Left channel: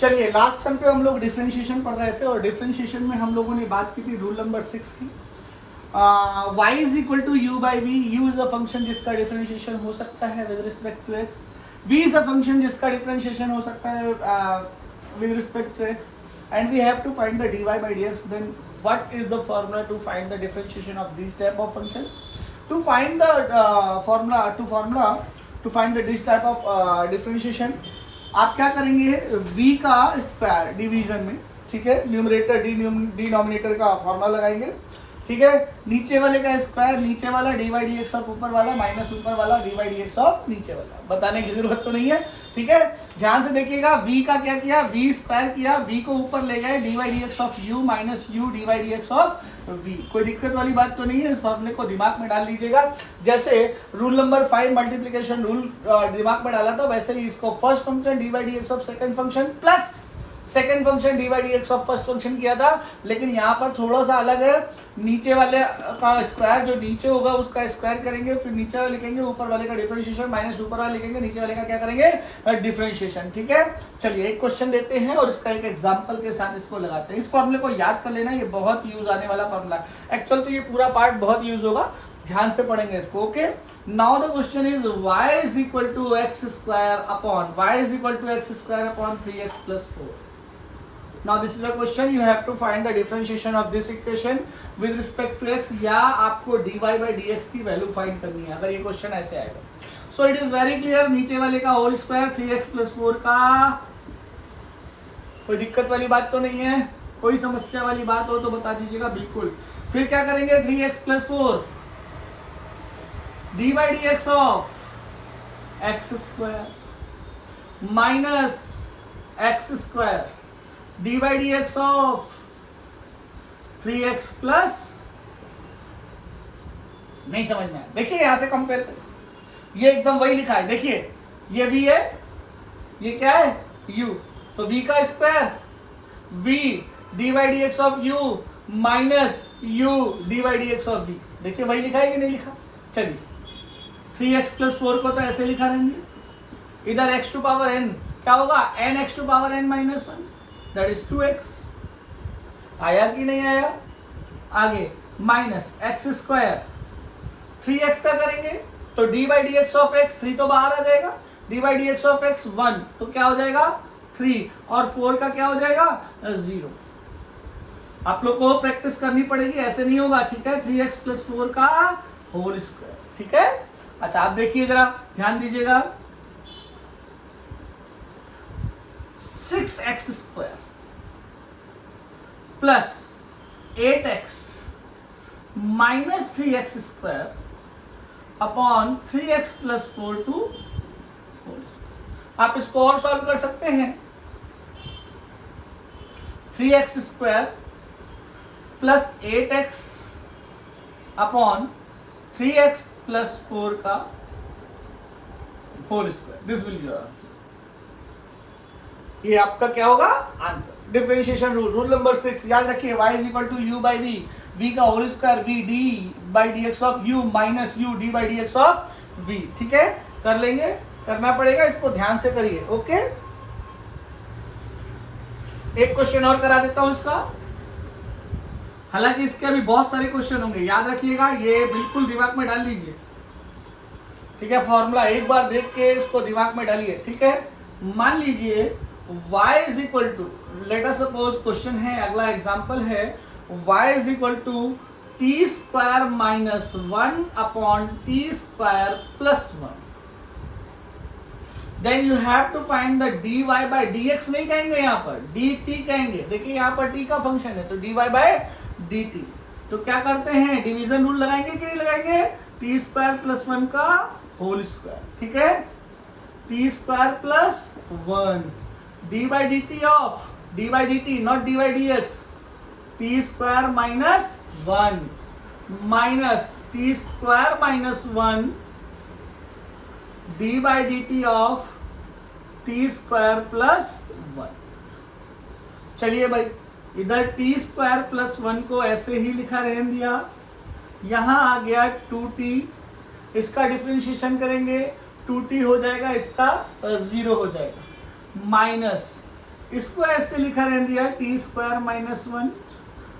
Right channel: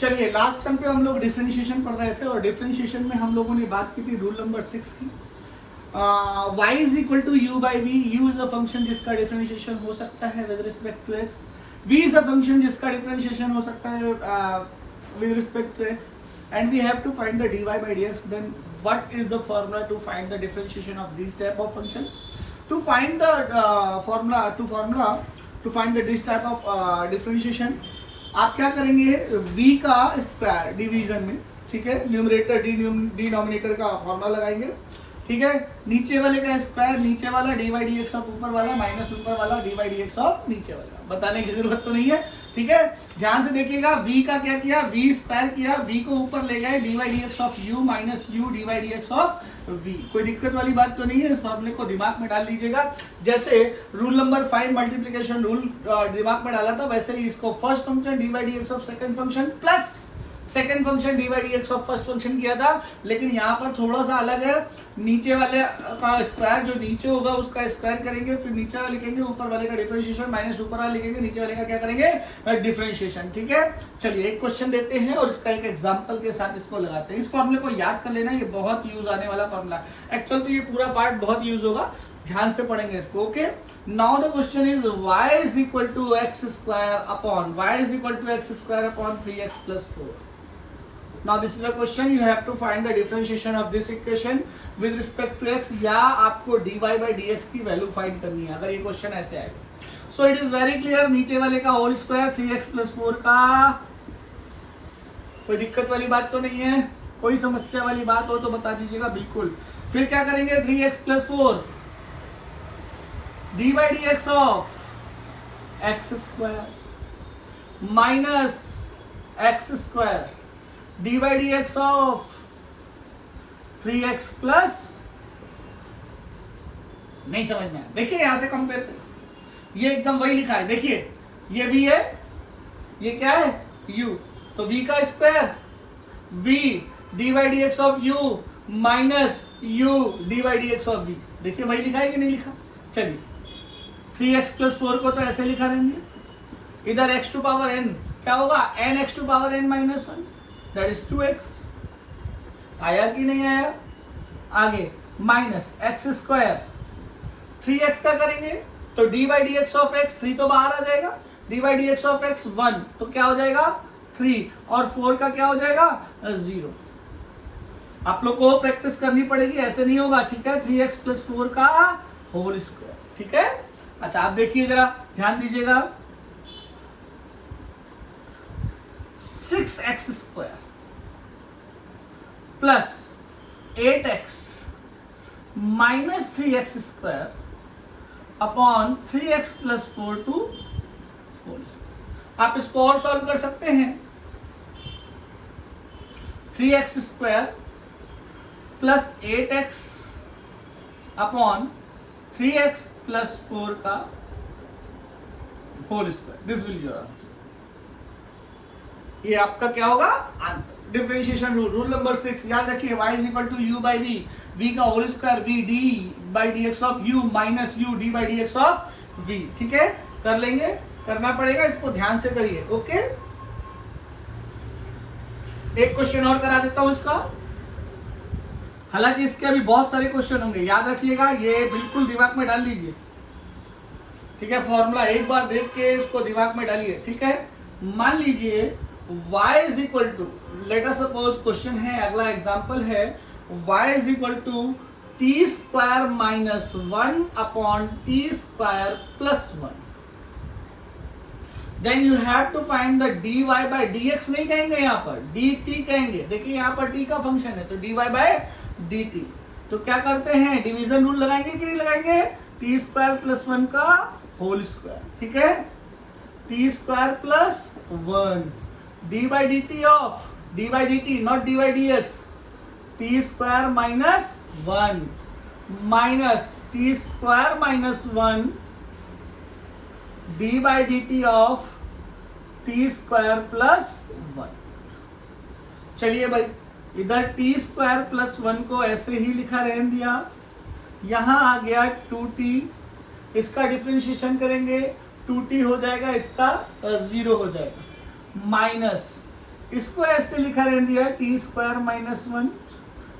चलिए last time पे हम लोग डिफरेंशिएशन पढ़ रहे थे और डिफरेंशिएशन में हम लोगों ने बात की थी रूल नंबर 6 की। y is equal to u by v. U is a function जिसका डिफरेंशिएशन हो सकता है with respect to x। v is a function जिसका डिफरेंशिएशन हो सकता है with respect to x and we have to find the dy by dx. Then what is the formula to find the differentiation of this type of function? To find the formula to find the this type of differentiation, आप क्या करेंगे, v का square division में, ठीक है, numerator denominator का formula लगाएंगे, ठीक है, नीचे वाले का स्क्वायर नीचे वाला, D by D x of ऊपर वाला माइनस ऊपर वाला D by D x of नीचे वाला। बताने की जरूरत तो नहीं है, ठीक है। ध्यान से देखिएगा, v का क्या किया, v स्क्वायर किया, v को ऊपर ले गए, D by D x of u minus U D by D x of v। कोई दिक्कत वाली बात तो नहीं है, इस फॉर्मूले को दिमाग में डाल लीजिएगा। जैसे रूल नंबर 5 मल्टीप्लीकेशन रूल दिमाग में डाला था, वैसे ही इसको first function D by D x of second function plus second function D by D x of first function किया था। लेकिन यहाँ पर थोड़ा सा अलग है, नीचे वाले का स्क्वायर जो नीचे होगा उसका स्क्वायर करेंगे, फिर नीचे वाले लिखेंगे, ऊपर वाले का डिफरेंशिएशन माइनस ऊपर वाले लिखेंगे, नीचे वाले का क्या करेंगे, डिफरेंशिएशन, ठीक है। चलिए एक क्वेश्चन लेते हैं और इसका एक एग्जांपल के साथ इसको लगाते हैं। इस फॉर्मूले को याद कर लेना, ये बहुत यूज आने वाला फॉर्मूला। एक्चुअल तो ये पूरा पार्ट बहुत यूज होगा, ध्यान से पढ़ेंगे इसको, okay. Now the question is y is equal to x square upon 3x plus 4। Now this is a question, you have to find the differentiation of this equation with respect to x, या आपको dy by dx की value find करनी है अगर ये question ऐसे आएगा। So it is very clear, नीचे वाले का होल स्क्वायर 3x plus 4 का, कोई दिक्कत वाली बात तो नहीं है, कोई समस्या वाली बात हो तो बता दीजिएगा बिल्कुल। फिर क्या करेंगे, 3x plus 4 dy by dx of x square minus x square D by D x of 3x plus, नहीं समझ में, देखिए यहां से कंपेयर करिए, ये एकदम वही लिखा है, देखिए ये v है, ये क्या है u, तो v का square v d by D x of u minus u d by D x of v, देखिए वही लिखा है कि नहीं लिखा। चलिए 3x प्लस 4 को तो ऐसे लिखा रहेंगे, इधर x टू पावर n क्या होगा, n x to power n minus 1, that is 2x। आया कि नहीं आया, आगे माइनस एक्स स्क्वायर 3x का करेंगे तो D by D x of x, 3 तो बाहर आ जाएगा, D by D x of x 1, तो क्या हो जाएगा 3, और 4 का क्या हो जाएगा 0। आप लोग को प्रैक्टिस करनी पड़ेगी, ऐसे नहीं होगा, ठीक है। 3x प्लस 4 का होल स्क्वायर, ठीक है। अच्छा आप देखिए जरा, ध्यान दीजिएगा, 6x square plus 8x minus 3x square upon 3x plus 4 to whole square. आप इसको और सॉल्व कर सकते हैं, 3x square plus 8x upon 3x plus 4 का whole square, this will your answer. ये आपका क्या होगा answer. Differentiation rule, rule number 6 याद रखिए, y is equal to u by v, v का whole square v d by D x of u minus u d by D x of v, ठीक है। कर लेंगे, करना पड़ेगा, इसको ध्यान से करिए, ओके। एक क्वेश्चन और करा देता हूं इसका, हालांकि इसके अभी बहुत सारे क्वेश्चन होंगे, याद रखिएगा, ये बिल्कुल दिमाग में डाल लीजिए, ठीक है। फॉर्मूला एक बार देख के इसको दिमाग में डालिए, ठीक है। मान लीजिए y is equal to, let us suppose question है, अगला एग्जांपल है, y is equal to t square minus 1 upon t square plus 1। Then you have to find the dy by dx, नहीं कहेंगे यहाँ पर dt कहेंगे, देखिए यहाँ पर t का फंक्शन है तो dy बाय dt। तो क्या करते हैं, डिवीजन रूल लगाएंगे कि नहीं लगाएंगे, टी स्क्वायर प्लस 1 का होल स्क्वायर, ठीक है, T square plus 1 D by D T of, D by D T not D by D x, T square minus 1 minus T square minus 1 D by D T of T square plus 1। चलिए भाई, इधर T square plus 1 को ऐसे ही लिखा रहने दिया, यहां आ गया 2t, इसका डिफरेंशिएशन करेंगे, 2t हो जाएगा, इसका 0 हो जाएगा, माइनस इसको ऐसे लिखा रह दिया टी स्क्वायर माइनस 1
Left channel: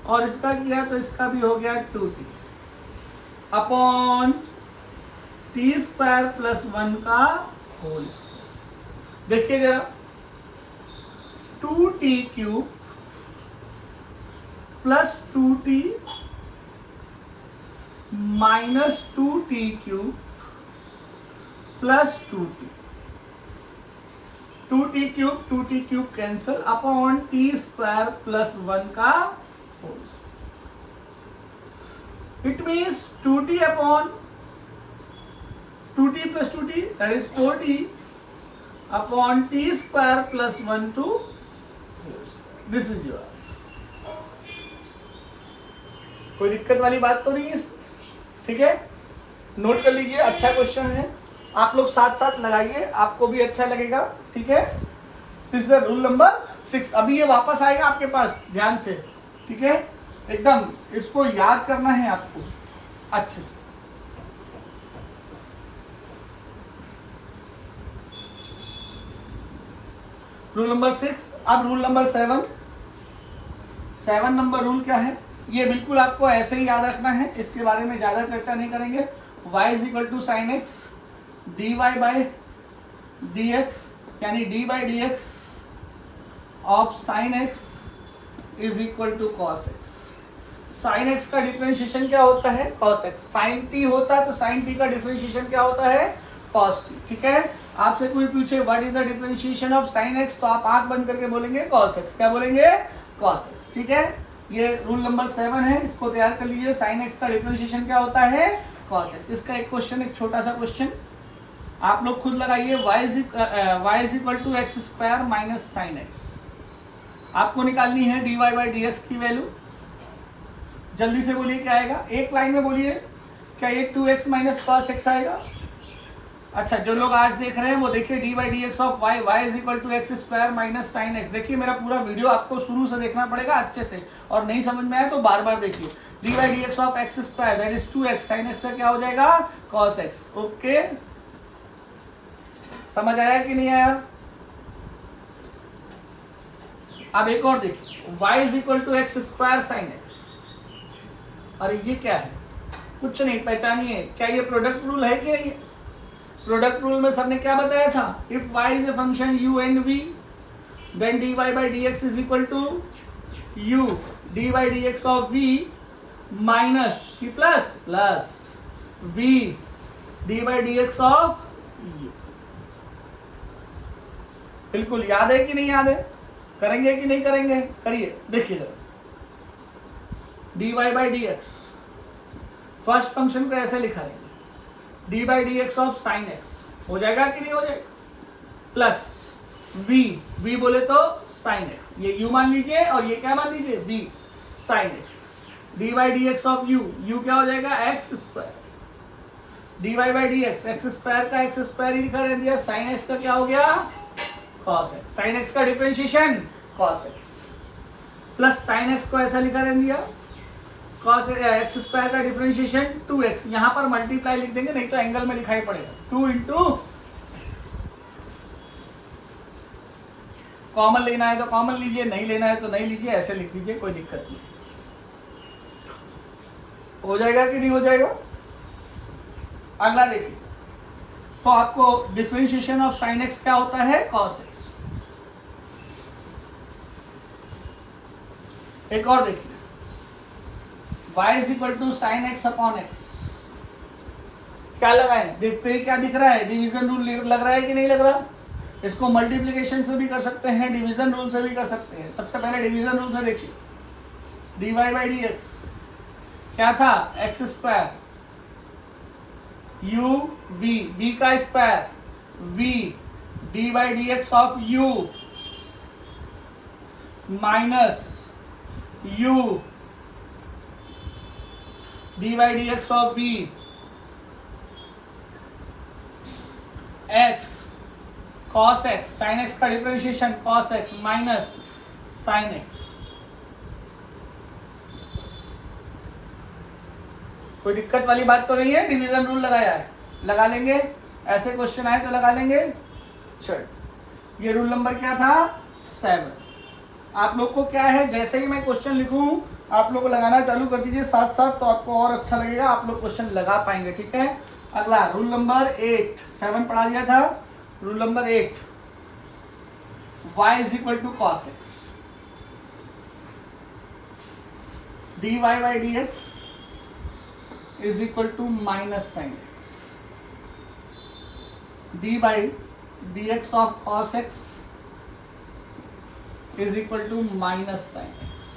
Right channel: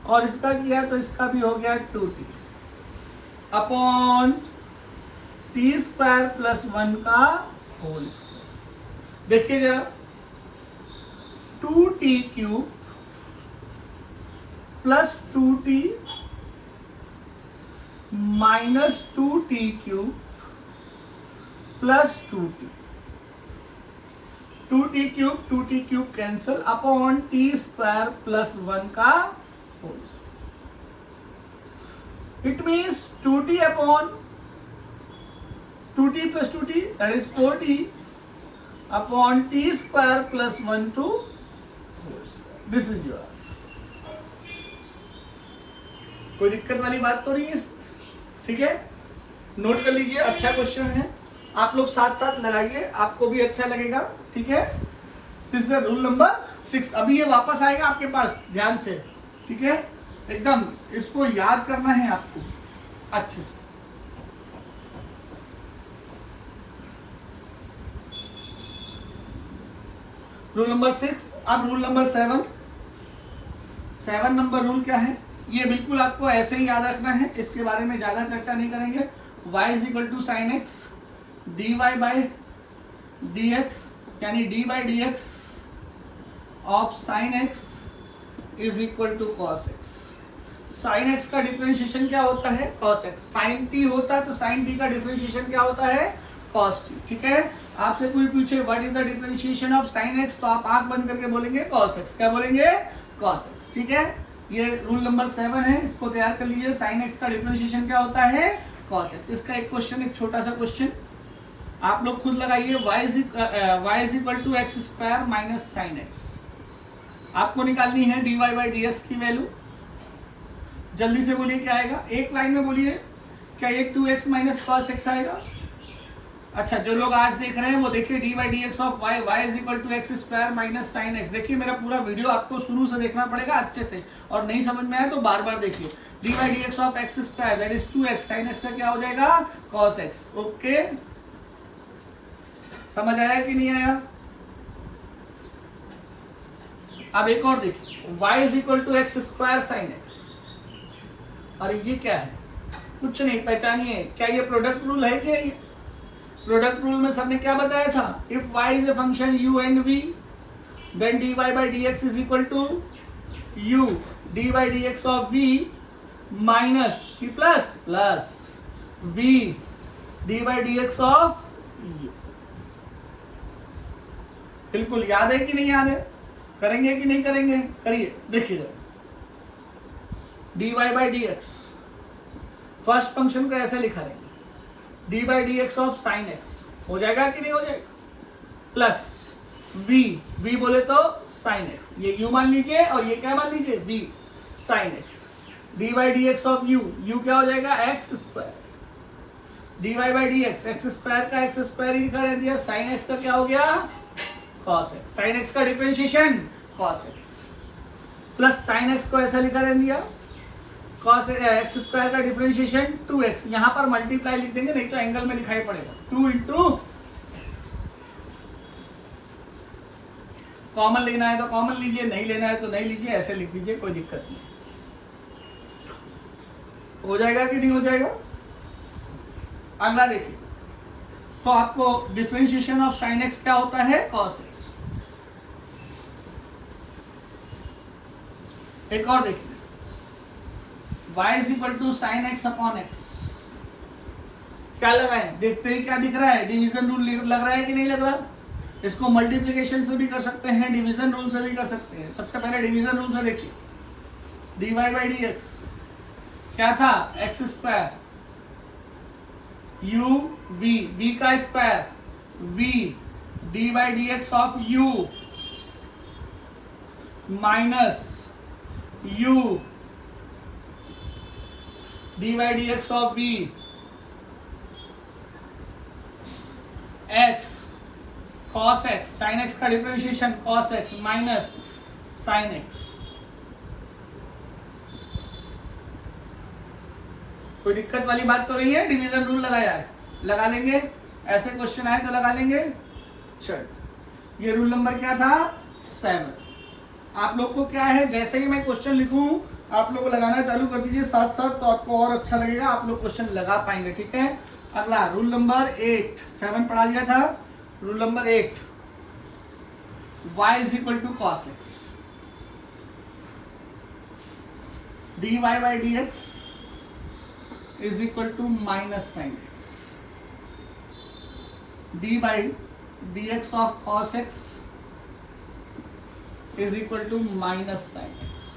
और इसका किया तो इसका भी हो गया 2t upon t square plus 1 का होल स्क्वायर। देखिए जरा 2t cube plus 2t minus 2t cube plus 2t cube cancel upon t square plus 1 का whole square. It means 2t upon 2t plus 2t that is 4t upon t square plus 1 to whole square. This is your answer. कोई दिक्कत वाली बात तो नहीं है, ठीक है? नोट कर लीजिए, अच्छा क्वेश्चन है, आप लोग साथ साथ लगाइए, आपको भी अच्छा लगेगा, ठीक है? This is rule number 6। अभी ये वापस आएगा आपके पास, ध्यान से, ठीक है? एकदम इसको याद करना है आपको अच्छे से। Rule number 6। अब रूल नंबर 7 नंबर रूल क्या है? ये बिल्कुल आपको ऐसे ही याद रखना है, इसके बारे में ज्यादा चर्चा नहीं करेंगे। y is equal to sine x dy by dx, यानी d by D x of sine x is equal to cos x. Sine x का डिफरेंशिएशन क्या होता है? Cos x. साइन टी होता है तो साइन टी का डिफरेंशिएशन क्या होता है? कॉस टी, ठीक है? आपसे कोई पूछे what is the differentiation of sine x, तो आप आंख बंद करके बोलेंगे कॉस एक्स। क्या बोलेंगे? कॉस एक्स, ठीक है? ये रूल नंबर 7 है, इसको तैयार कर लीजिए। साइन एक्स का डिफरेंशिएशन क्या होता है? Cos x. इसका एक क्वेश्चन, एक छोटा सा क्वेश्चन आप लोग खुद लगाइए। y is equal to x square minus sine x. आपको निकालनी है dy बाई डी एक्स की वैल्यू। जल्दी से बोलिए क्या आएगा, एक लाइन में बोलिए। क्या ये 2x माइनस कॉस एक्स आएगा? अच्छा, जो लोग आज देख रहे हैं वो देखिए d by D x of y, y is equal to x square minus sine x. देखिए मेरा पूरा वीडियो आपको शुरू से देखना पड़ेगा अच्छे से, और नहीं समझ में आया तो बार बार देखिए। D by D x of x square that is 2x, sine x का क्या हो जाएगा? Cos x. ओके, समझ आया कि नहीं आया? अब एक और देखिए, y is equal to x square sine x. और ये क्या है? कुछ नहीं, पहचानिए। क्या ये प्रोडक्ट रूल है कि नहीं? प्रोडक्ट रूल में सबने क्या बताया था? If y is a function u and v then dy by dx is equal to u dy by dx of v minus की plus plus v dy by dx of u। बिल्कुल याद है कि नहीं याद है? करेंगे कि नहीं करेंगे? करिए, देखिए dy by dx first function को ऐसे लिखा रहेंगे D by D x of sine x, हो जाएगा कि नहीं हो जाएगा? प्लस v बोले तो साइन एक्स, ये u मान लीजिए और ये क्या मान लीजिए? v sine x. D by D x of u क्या हो जाएगा? X square. D y by D x, x square का एक्स स्क्वायर ही लिखा रह दिया। साइन एक्स का क्या हो गया? Cos x. साइन एक्स का differentiation cos x, plus sine x को ऐसा लिखा रह दिया कॉस एक्स स्क्वायर का डिफरेंशिएशन 2x। यहां पर मल्टीप्लाई लिख देंगे, नहीं तो एंगल में लिखाई पड़ेगा 2 इंटू एक्स। कॉमन लेना है तो कॉमन लीजिए, नहीं लेना है तो नहीं लीजिए, ऐसे लिख लीजिए, कोई दिक्कत नहीं। हो जाएगा कि नहीं हो जाएगा? अगला देखिए, तो आपको डिफरेंशिएशन ऑफ साइन एक्स क्या होता है? Cos x. एक और देखिए, y is equal to sine x upon x. क्या लगा है? देखते हैं क्या दिख रहा है? डिवीजन रूल लग रहा है कि नहीं लग रहा? इसको मल्टीप्लिकेशन से भी कर सकते हैं, डिवीजन रूल से भी कर सकते हैं। सबसे पहले डिवीजन रूल से देखिए, d y by D x क्या था? एक्स स्क्वायर u v का square v d by D x of u minus u d by D x of v x cos x, sin x का differentiation cos x minus sin x। कोई दिक्कत वाली बात तो नहीं है? Division rule लगाया है, लगा लेंगे। ऐसे क्वेश्चन आए तो लगा लेंगे। चल, ये रूल नंबर क्या था? 7। आप लोग को क्या है, जैसे ही मैं क्वेश्चन लिखूं आप लोग को लगाना चालू कर दीजिए साथ साथ, तो आपको और अच्छा लगेगा, आप लोग क्वेश्चन लगा पाएंगे। ठीक है, अगला रूल नंबर 8, 7 पढ़ा दिया था। Rule number 8, y is equal to cos x, dy by D x is equal to minus sine x, D by D x of cos x is equal to minus sine x.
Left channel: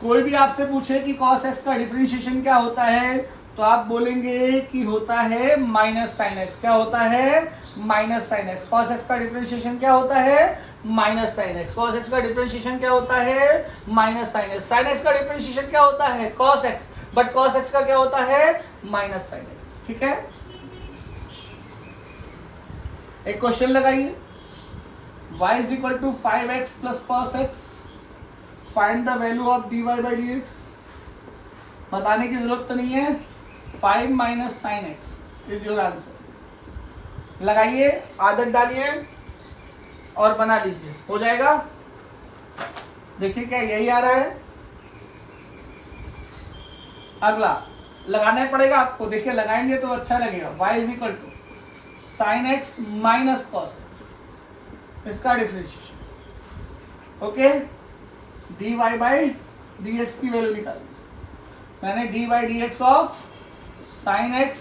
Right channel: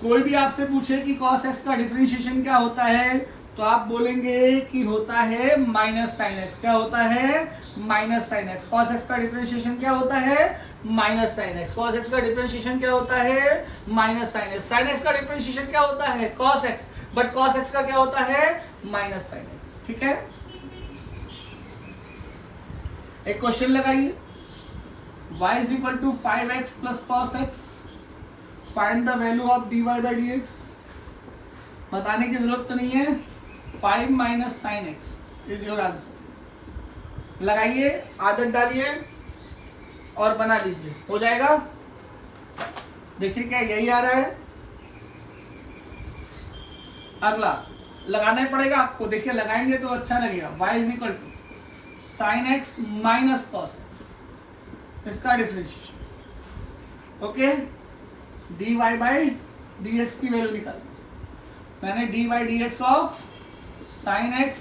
कोई भी आपसे पूछे कि cos x का differentiation क्या होता है, तो आप बोलेंगे कि होता है माइनस साइन एक्स। क्या होता है? Minus sine x. Cos x का डिफरेंशिएशन क्या होता है? Minus sine x. Cos x का डिफरेंशिएशन क्या होता है? Minus sine x. Sine x का डिफरेंशिएशन क्या होता है? Cos x, but cos x का क्या होता है? Minus sine x. ठीक है, एक क्वेश्चन लगाइए, y is equal to 5x plus cos x, find the value of dy by dx। बताने की जरूरत तो नहीं है, 5 minus sin x is your answer। लगाइए, आदत डालिए और बना लीजिए, हो जाएगा। देखिए क्या यही आ रहा है। अगला लगाना ही पड़ेगा आपको, देखिए लगाएंगे तो अच्छा लगेगा। y is equal to sin x minus cos x, इसका differentiation. Okay, dy by dx की वैल्यू निकालनी, यानी dy by dx of sin x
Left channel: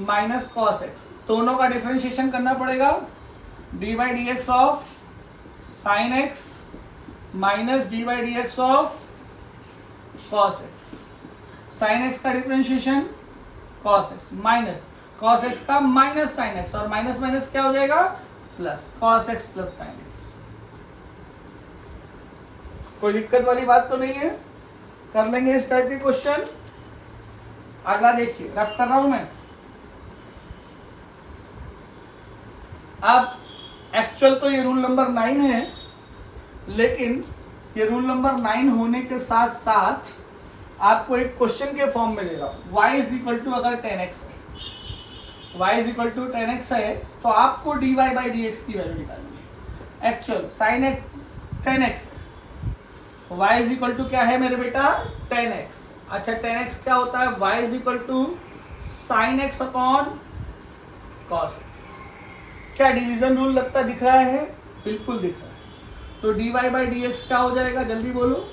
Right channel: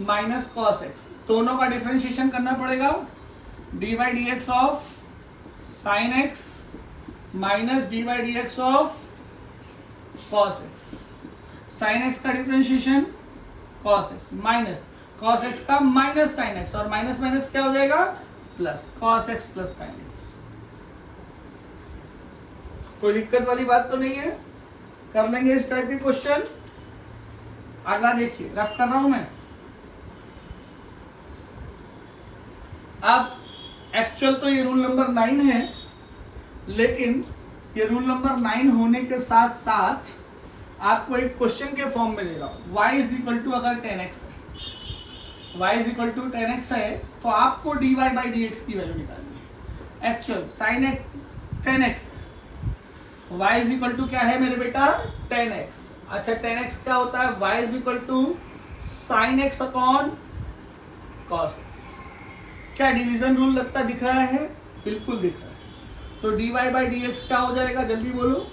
minus cos x, दोनों का डिफरेंशिएशन करना पड़ेगा। dy by dx of sin x minus dy by dx of cos x, sin x का differentiation cos x minus cos x का minus sin x, और minus minus क्या हो जाएगा? Plus cos x plus sin x। कोई दिक्कत वाली बात तो नहीं है, कर लेंगे इस टाइप के क्वेश्चन। अगला देखिए, रफ कर रहा हूं मैं। अब एक्चुअल तो ये रूल नंबर 9 है, लेकिन ये रूल नंबर 9 होने के साथ साथ आपको एक क्वेश्चन के फॉर्म में दे रहा हूं। y इज इक्वल टू अगर 10x है, y is equal to 10x है, तो आपको dy बाई dx की वैल्यू निकालनी है। एक्चुअल साइन x 10x है, y इज इक्वल टू क्या है मेरे बेटा? 10x। अच्छा, 10x क्या होता है? y is equal to sine x upon cos x। क्या डिवीजन रूल लगता दिख रहा है? बिल्कुल दिख रहा है। तो dy बाई dx क्या हो जाएगा? जल्दी बोलो।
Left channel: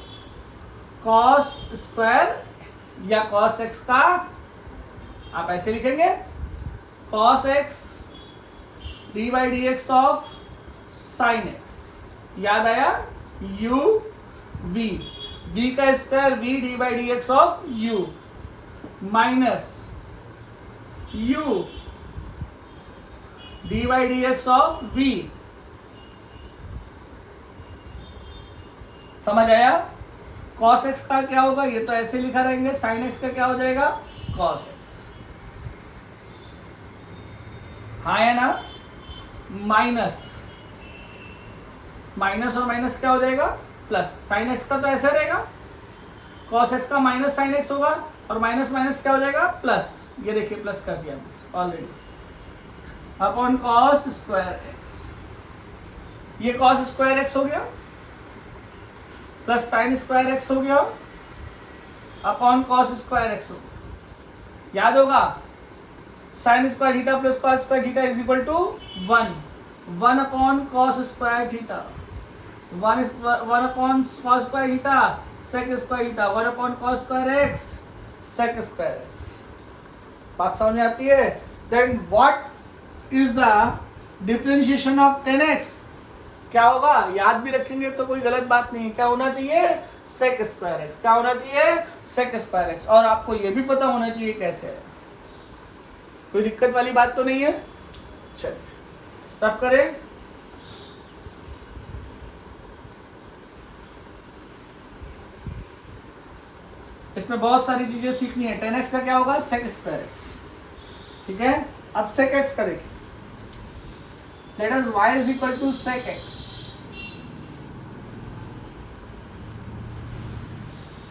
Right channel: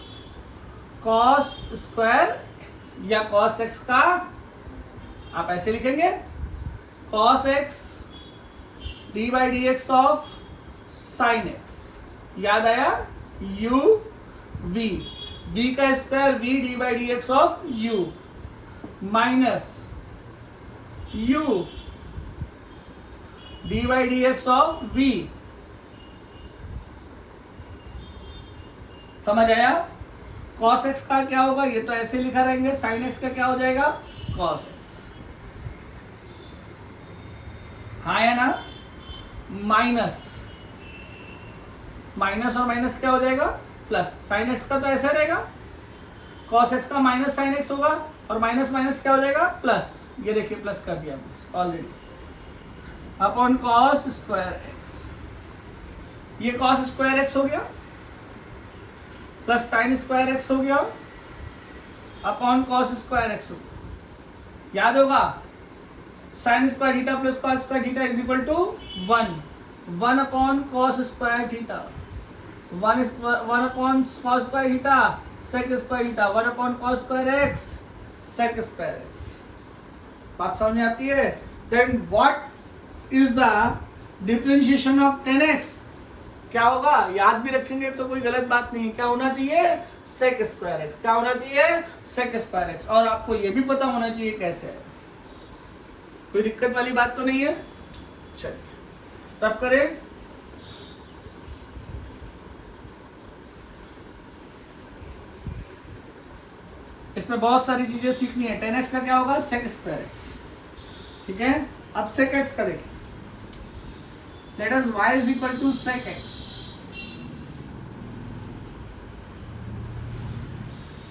कॉस स्क्वायर x, या कॉस x का आप ऐसे लिखेंगे cos x D by D x of sign x, याद आया? u v, v का square v d by D x of u minus u d by D x of v। समझ आया? cos x का क्या होगा? ये तो ऐसे लिखा रहेंगे। sin x का क्या हो जाएगा? cos x। हाँ है ना? माइनस माइनस और माइनस क्या हो जाएगा? प्लस। साइन एक्स का तो ऐसा रहेगा, कॉस एक्स का माइनस साइन एक्स होगा, और माइनस माइनस क्या हो जाएगा? प्लस। ये देखिए प्लस कर दिया already, upon cos square x. ये कॉस स्क्वायर एक्स हो गया, प्लस साइन स्क्वायर एक्स हो गया, अपॉन कॉस स्क्वायर एक्स हो गया। याद होगा? Sine square theta plus cos square theta is equal to 1 upon cos square theta, 1 upon cos square theta sec square theta, 1 upon cos square x sec square x. बात समझ में आती है? Then what is the differentiation of 10x? क्या होगा? याद भी रखेंगे तो कोई गलत बात नहीं है। क्या होना चाहिए? Sec square x. क्या होना चाहिए? Sec square x. और आपको ये भी पता होना चाहिए कैसे है। कोई दिक्कत वाली बात तो नहीं है? चलिए रफ करें। इसमें बहुत सारी चीजें सीखनी है। 10x का क्या होगा? Sec square x. ठीक है, अब सेक एक्स का देखिए। Let us y is equal to sec x।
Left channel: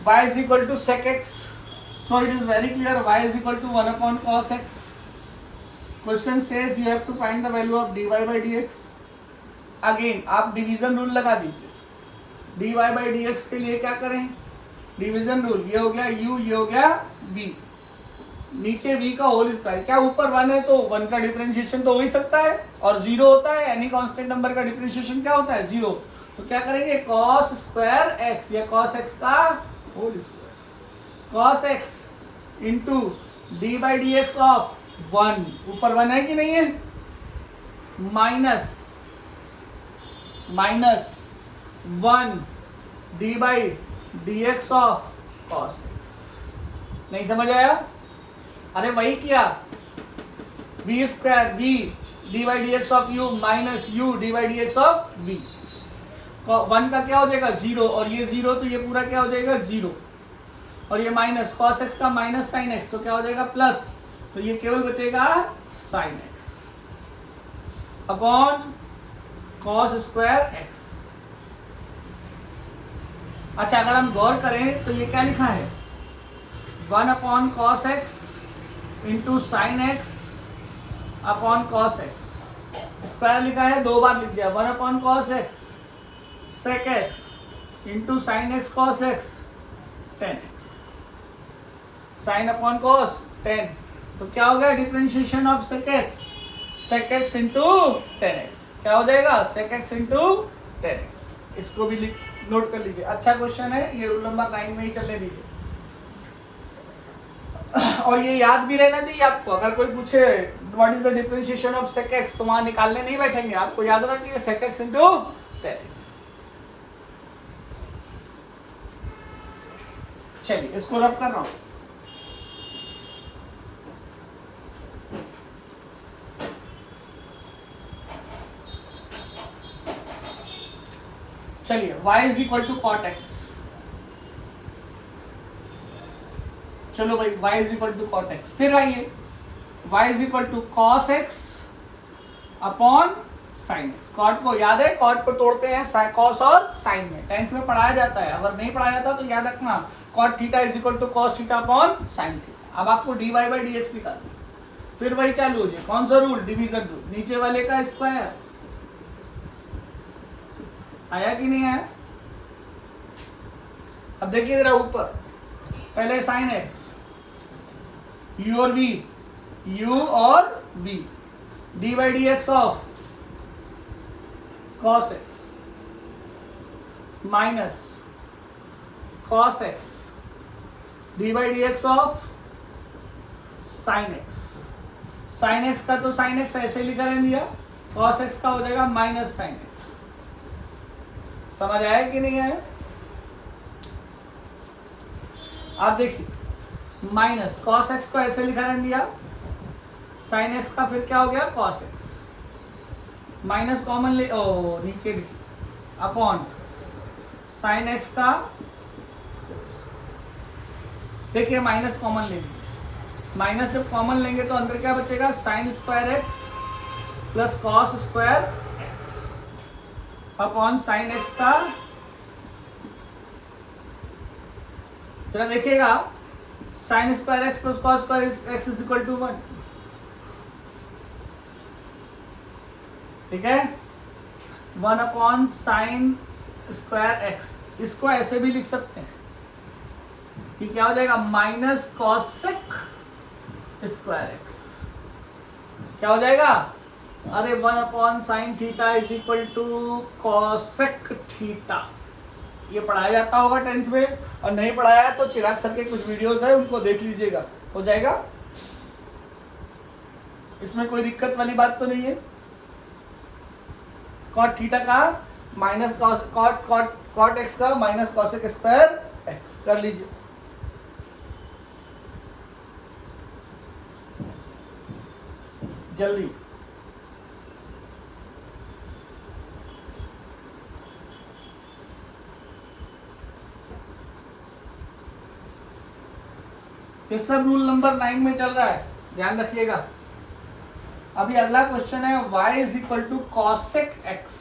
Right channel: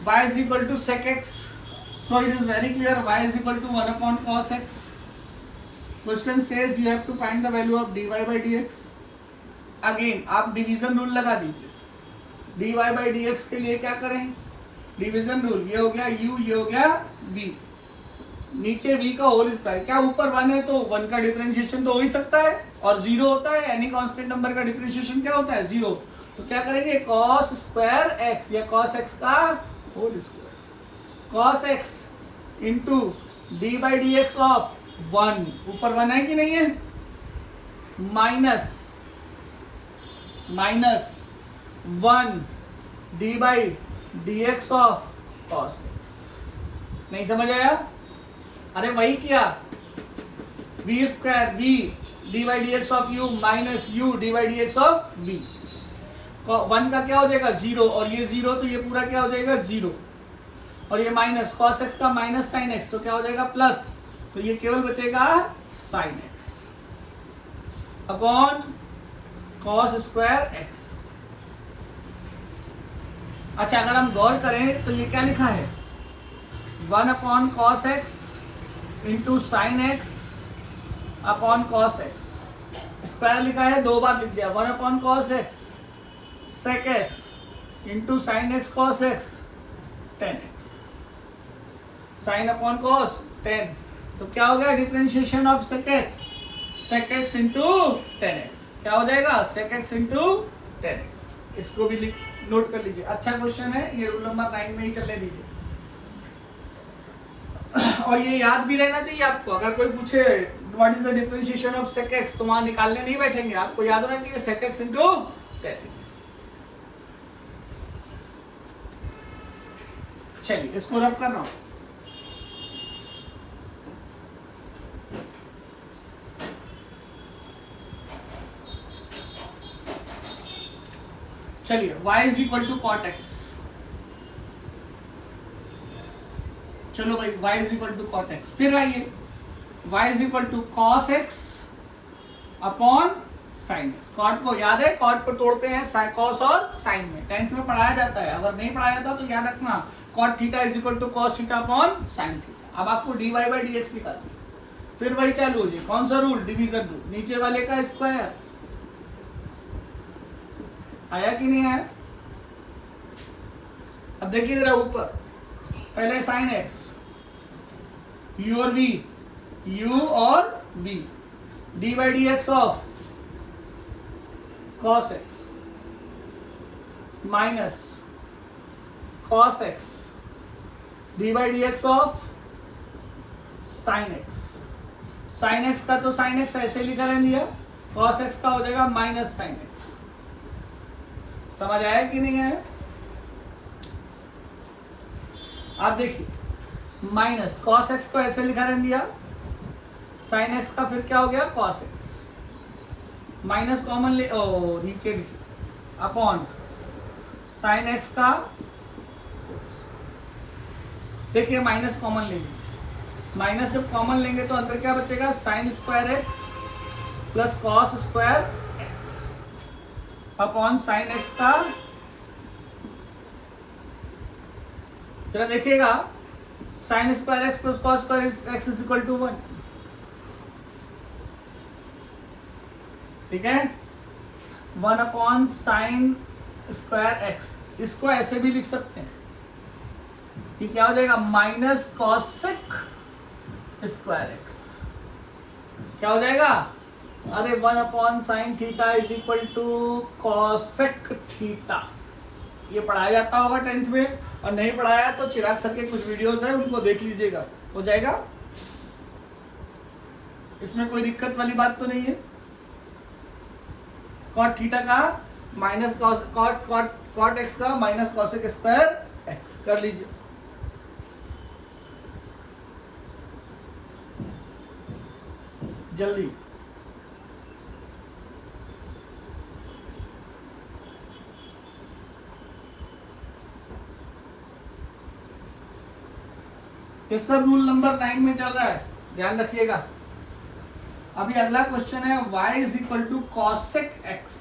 y is equal to sec x, so it is very clear y is equal to 1 upon cos x। Question says you have to find the value of dy by dx। Again आप division rule लगा दीजिए। dy by D x के लिए क्या करें, division rule, ये हो गया u, ये हो गया v, नीचे v का होल स्क्वायर, क्या ऊपर 1 है तो 1 का डिफरेंशिएशन तो हो ही सकता है, और 0 होता है, एनी कांस्टेंट नंबर का डिफरेंशिएशन क्या होता है 0, तो क्या करेंगे cos स्क्वायर x या cos x का whole square, cos x into d by D x of 1, ऊपर 1 है कि नहीं है, minus 1 D by D x of cos x। नहीं समझ आया? अरे वही किया, v square v d by D x of u minus u d by D x of v, 1 का क्या हो जाएगा 0, और ये 0 तो ये पूरा क्या हो जाएगा 0, और ये माइनस cos x का माइनस sin x तो क्या हो जाएगा प्लस, तो ये केवल बचेगा sin x upon cos square x। अच्छा अगर हम गौर करें तो ये क्या लिखा है 1 upon cos x into sine x upon cos x, square लिखा है 2 बार लिख दिया, 1 upon cos x sec x into sine x cos x tan x, sine upon cos 10, तो क्या हो गया differentiation of sec x into tan x, क्या हो जाएगा sec x into tan x. इसको भी नोट कर लीजिए, अच्छा क्वेश्चन है ये, रूल नंबर 9 में ही चलने दीजिए, और ये याद भी रहना चाहिए आपको, अगर कोई पूछे what is the differentiation of sec x तो वहां निकालने नहीं बैठेंगे, आपको याद होना चाहिए sec x into tan x. चलिए इसको रफ कर रहा हूं, चलिए y is equal to cot x, चलो भाई y is equal to cot x, फिर आइए y is equal to cos x upon sine x, cot को याद है, कॉट को तोड़ते हैं कॉस और साइन में, 10th में पढ़ाया जाता है, अगर नहीं पढ़ाया जाता तो याद रखना cot theta is equal to cos theta upon sine theta. अब आपको dy बाई डी एक्स निकालना, फिर वही चालू हो जाए, कौन सा रूल डिवीजन रूल, नीचे वाले का स्क्वायर, आया कि नहीं आया? अब देखिए जरा ऊपर, पहले साइन एक्स u और v, u और v d by D x of cos x minus cos x D by D x of sin x, sin x का तो sin x ऐसे लिखा रहने दिया, cos x का हो जाएगा माइनस sin x, समझ आया कि नहीं आया? आप देखिए माइनस cos x को ऐसे लिखा रहने दिया, sin x का फिर क्या हो गया cos x, माइनस कॉमन ले नीचे लिखिए अपॉन sin x का, देखिए माइनस कॉमन ले लीजिए, माइनस जब कॉमन लेंगे तो अंदर क्या बचेगा sin square x plus cos square x upon sin x का, जरा देखिएगा sin square x plus cos square x is equal to 1, ठीक है, 1 अपॉन साइन स्क्वायर एक्स, इसको ऐसे भी लिख सकते हैं कि क्या हो जाएगा माइनस कॉसेक स्क्वायर एक्स, क्या हो जाएगा, अरे 1 upon sine theta is equal to cosec theta, ये पढ़ाया जाता होगा 10th में, और नहीं पढ़ाया तो चिराग सर के कुछ वीडियोस है उनको देख लीजिएगा, हो जाएगा, इसमें कोई दिक्कत वाली बात तो नहीं है। कॉट थीटा का माइनस कॉट एक्स का माइनस कॉसेक स्क्वायर एक्स कर लीजिए, जल्दी ये सब रूल नंबर 9 में चल रहा है, ध्यान रखिएगा। अभी अगला क्वेश्चन है y is equal to cosec x,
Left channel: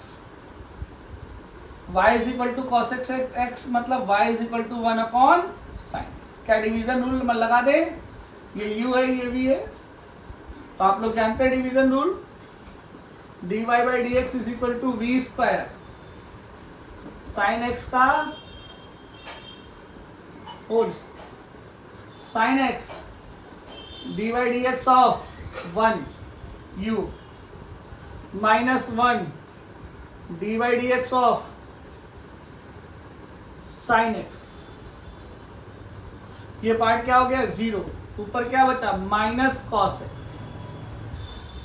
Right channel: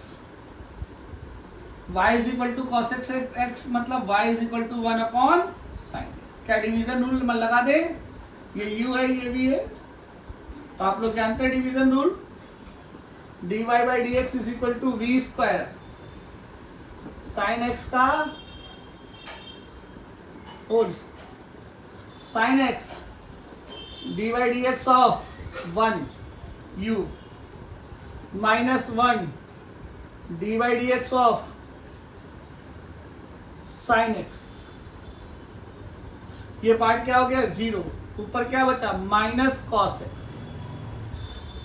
y is equal to cosec x मतलब y is equal to 1 upon sine x, क्या डिवीजन रूल लगा दे, ये u है ये भी है, तो आप लोग जानते हैं division rule, dy by D x is equal to V square sine x का whole sine x D by D x of 1 u minus 1 D by D x of sine x. ये पार्ट क्या हो गया 0, ऊपर क्या बचा minus cos X,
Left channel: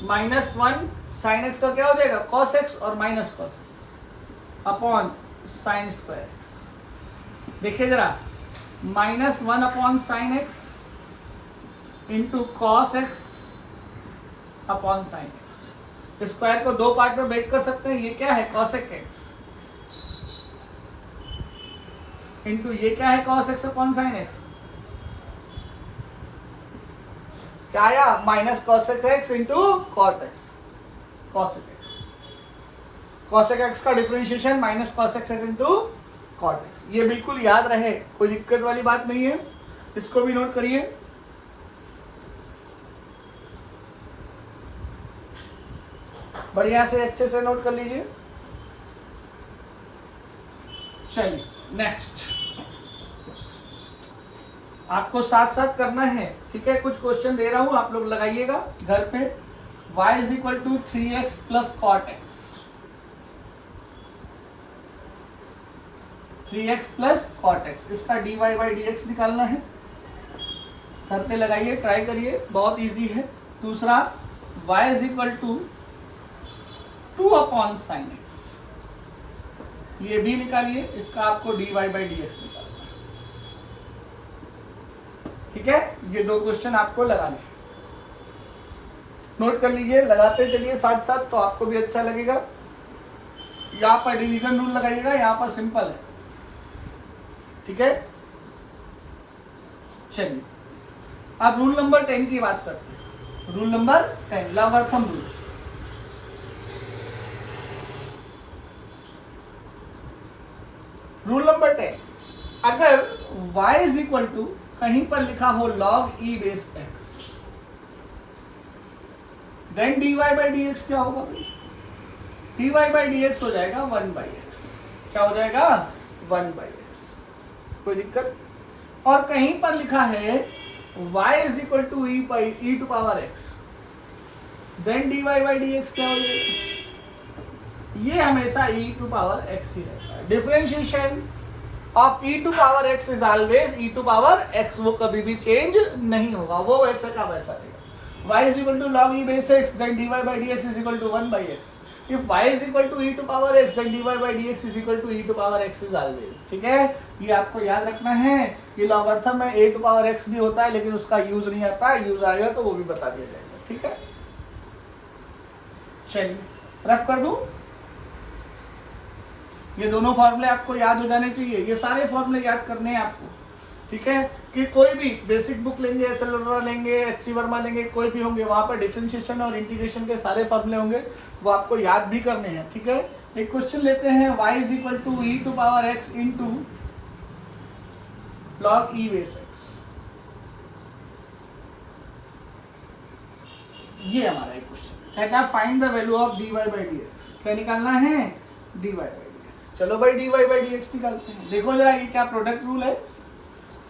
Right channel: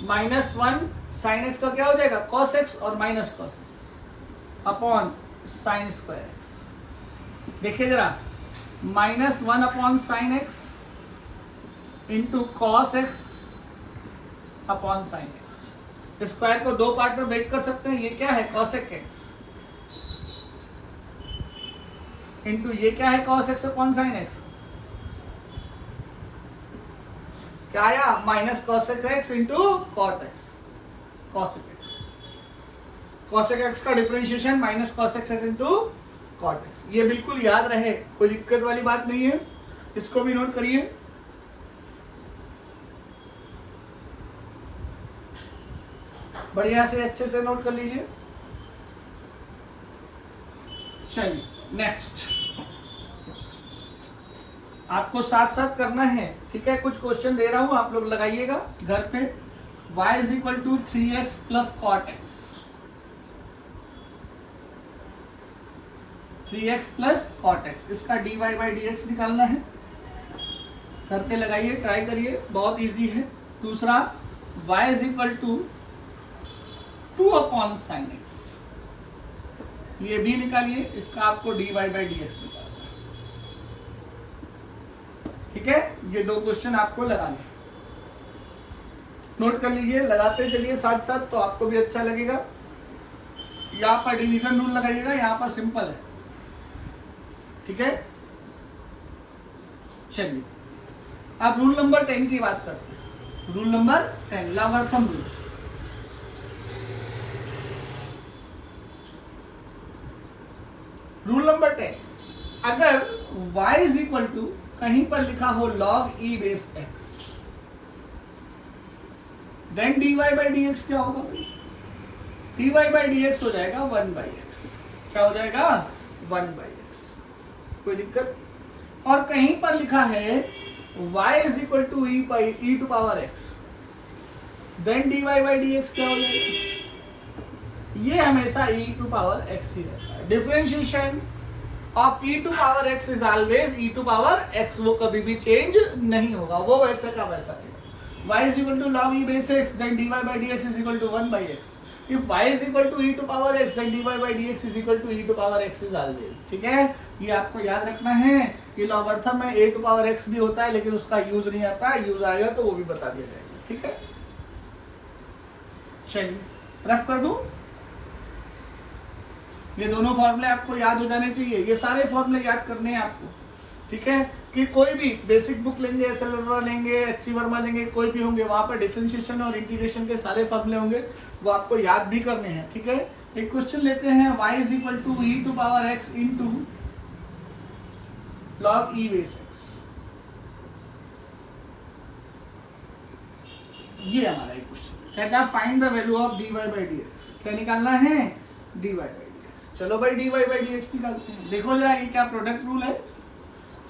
minus 1 sine x का क्या हो जाएगा कॉस एक्स और minus cos x upon sine square X. देखिए जरा minus 1 upon sine x into cos x upon sine x. Square को दो पार्ट में ब्रेक कर सकते हैं। ये क्या है कॉसेक एक्स इंटू ये क्या है cos x upon sine x. क्या आया minus cosec X into cot X cosec X. Cosec X का differentiation minus cosec X into cot X. ये बिल्कुल याद रहे, कोई दिक्कत वाली बात नहीं है। इसको भी नोट करिए। बढ़िया से अच्छे से नोट कर लीजिए। चलिए नेक्स्ट आपको साथ साथ करना है, ठीक है। कुछ क्वेश्चन दे रहा हूं, आप लोग लगाइएगा घर पे। y is equal to 3x plus cot x, 3x plus cot x, इसका dy बाई डी एक्स निकालना है। घर पे लगाइए, ट्राई करिए, बहुत इजी है। दूसरा y is equal to 2 upon sine x, ये भी निकालिए, इसका आपको dy बाई डी एक्स निकालना है, ठीक है। ये दो क्वेश्चन आपको लगाने, नोट कर लीजिए, लगाते चलिए साथ साथ, तो आपको भी अच्छा लगेगा। यहां पर डिवीजन रूल लगाइएगा, यहां पर सिंपल है, ठीक है। चलिए अब रूल नंबर 10 की बात करते हैं। Rule number 10 logarithm rule. Rule number 10, अगर y इज इक्वल टू कहीं पर लिखा हो log e base x, then dy by D x क्या होगा? dy बाई डी एक्स हो जाएगा 1 बाई एक्स। क्या हो जाएगा 1 बाई एक्स, कोई दिक्कत? और कहीं पर लिखा है y is equal to e to power x, then dy by D x क्या हो जाएगा? ये हमेशा e टू पावर x ही रहता है। Differentiation of e to power x is always e to power x, वो कभी भी चेंज नहीं होगा, वो वैसे का वैसा रहेगा। y is equal to log e base x, then dy by D x is equal to 1 by x। If y is equal to e to power x, then dy by D x is equal to e to power x is always, ठीक है। ये आपको याद रखना है। ये logarithm में a to power x भी होता है, लेकिन उसका यूज नहीं आता, यूज आएगा तो वो भी बता दिया जाएगा, ठीक है। चलिए रफ कर दूं, ये दोनों फॉर्मूले आपको याद हो जाने चाहिए। ये सारे फॉर्मूले याद करने हैं आपको, ठीक है। कि कोई भी बेसिक बुक लेंगे, एस एल वर्मा लेंगे, एच सी वर्मा लेंगे, कोई भी होंगे, वहां पर डिफरेंशिएशन और इंटीग्रेशन के सारे फॉर्मूले होंगे, वो आपको याद भी करने हैं, ठीक है। एक क्वेश्चन लेते हैं, y is equal to e to power x into log e base x। ये हमारा एक क्वेश्चन कहता है find the value of dy by D x. क्या निकालना है? dy by D x. चलो भाई dy बाई डी एक्स निकालते हैं। देखो जरा ये क्या प्रोडक्ट रूल है,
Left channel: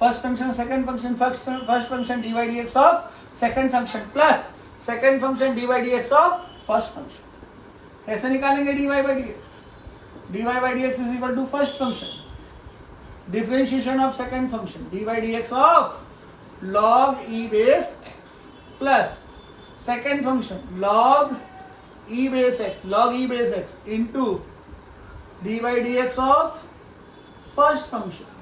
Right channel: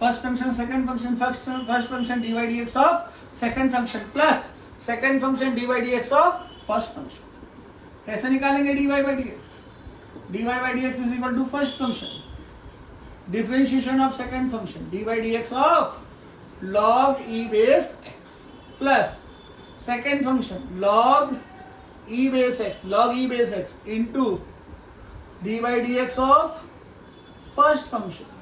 first function second function, first function dy by D x of second function plus second function dy by D x of first function. कैसे निकालेंगे dy by D x? dy by D x is equal to first function differentiation of second function dy by D x of log e base x plus second function log e base x into dy by D x of first function.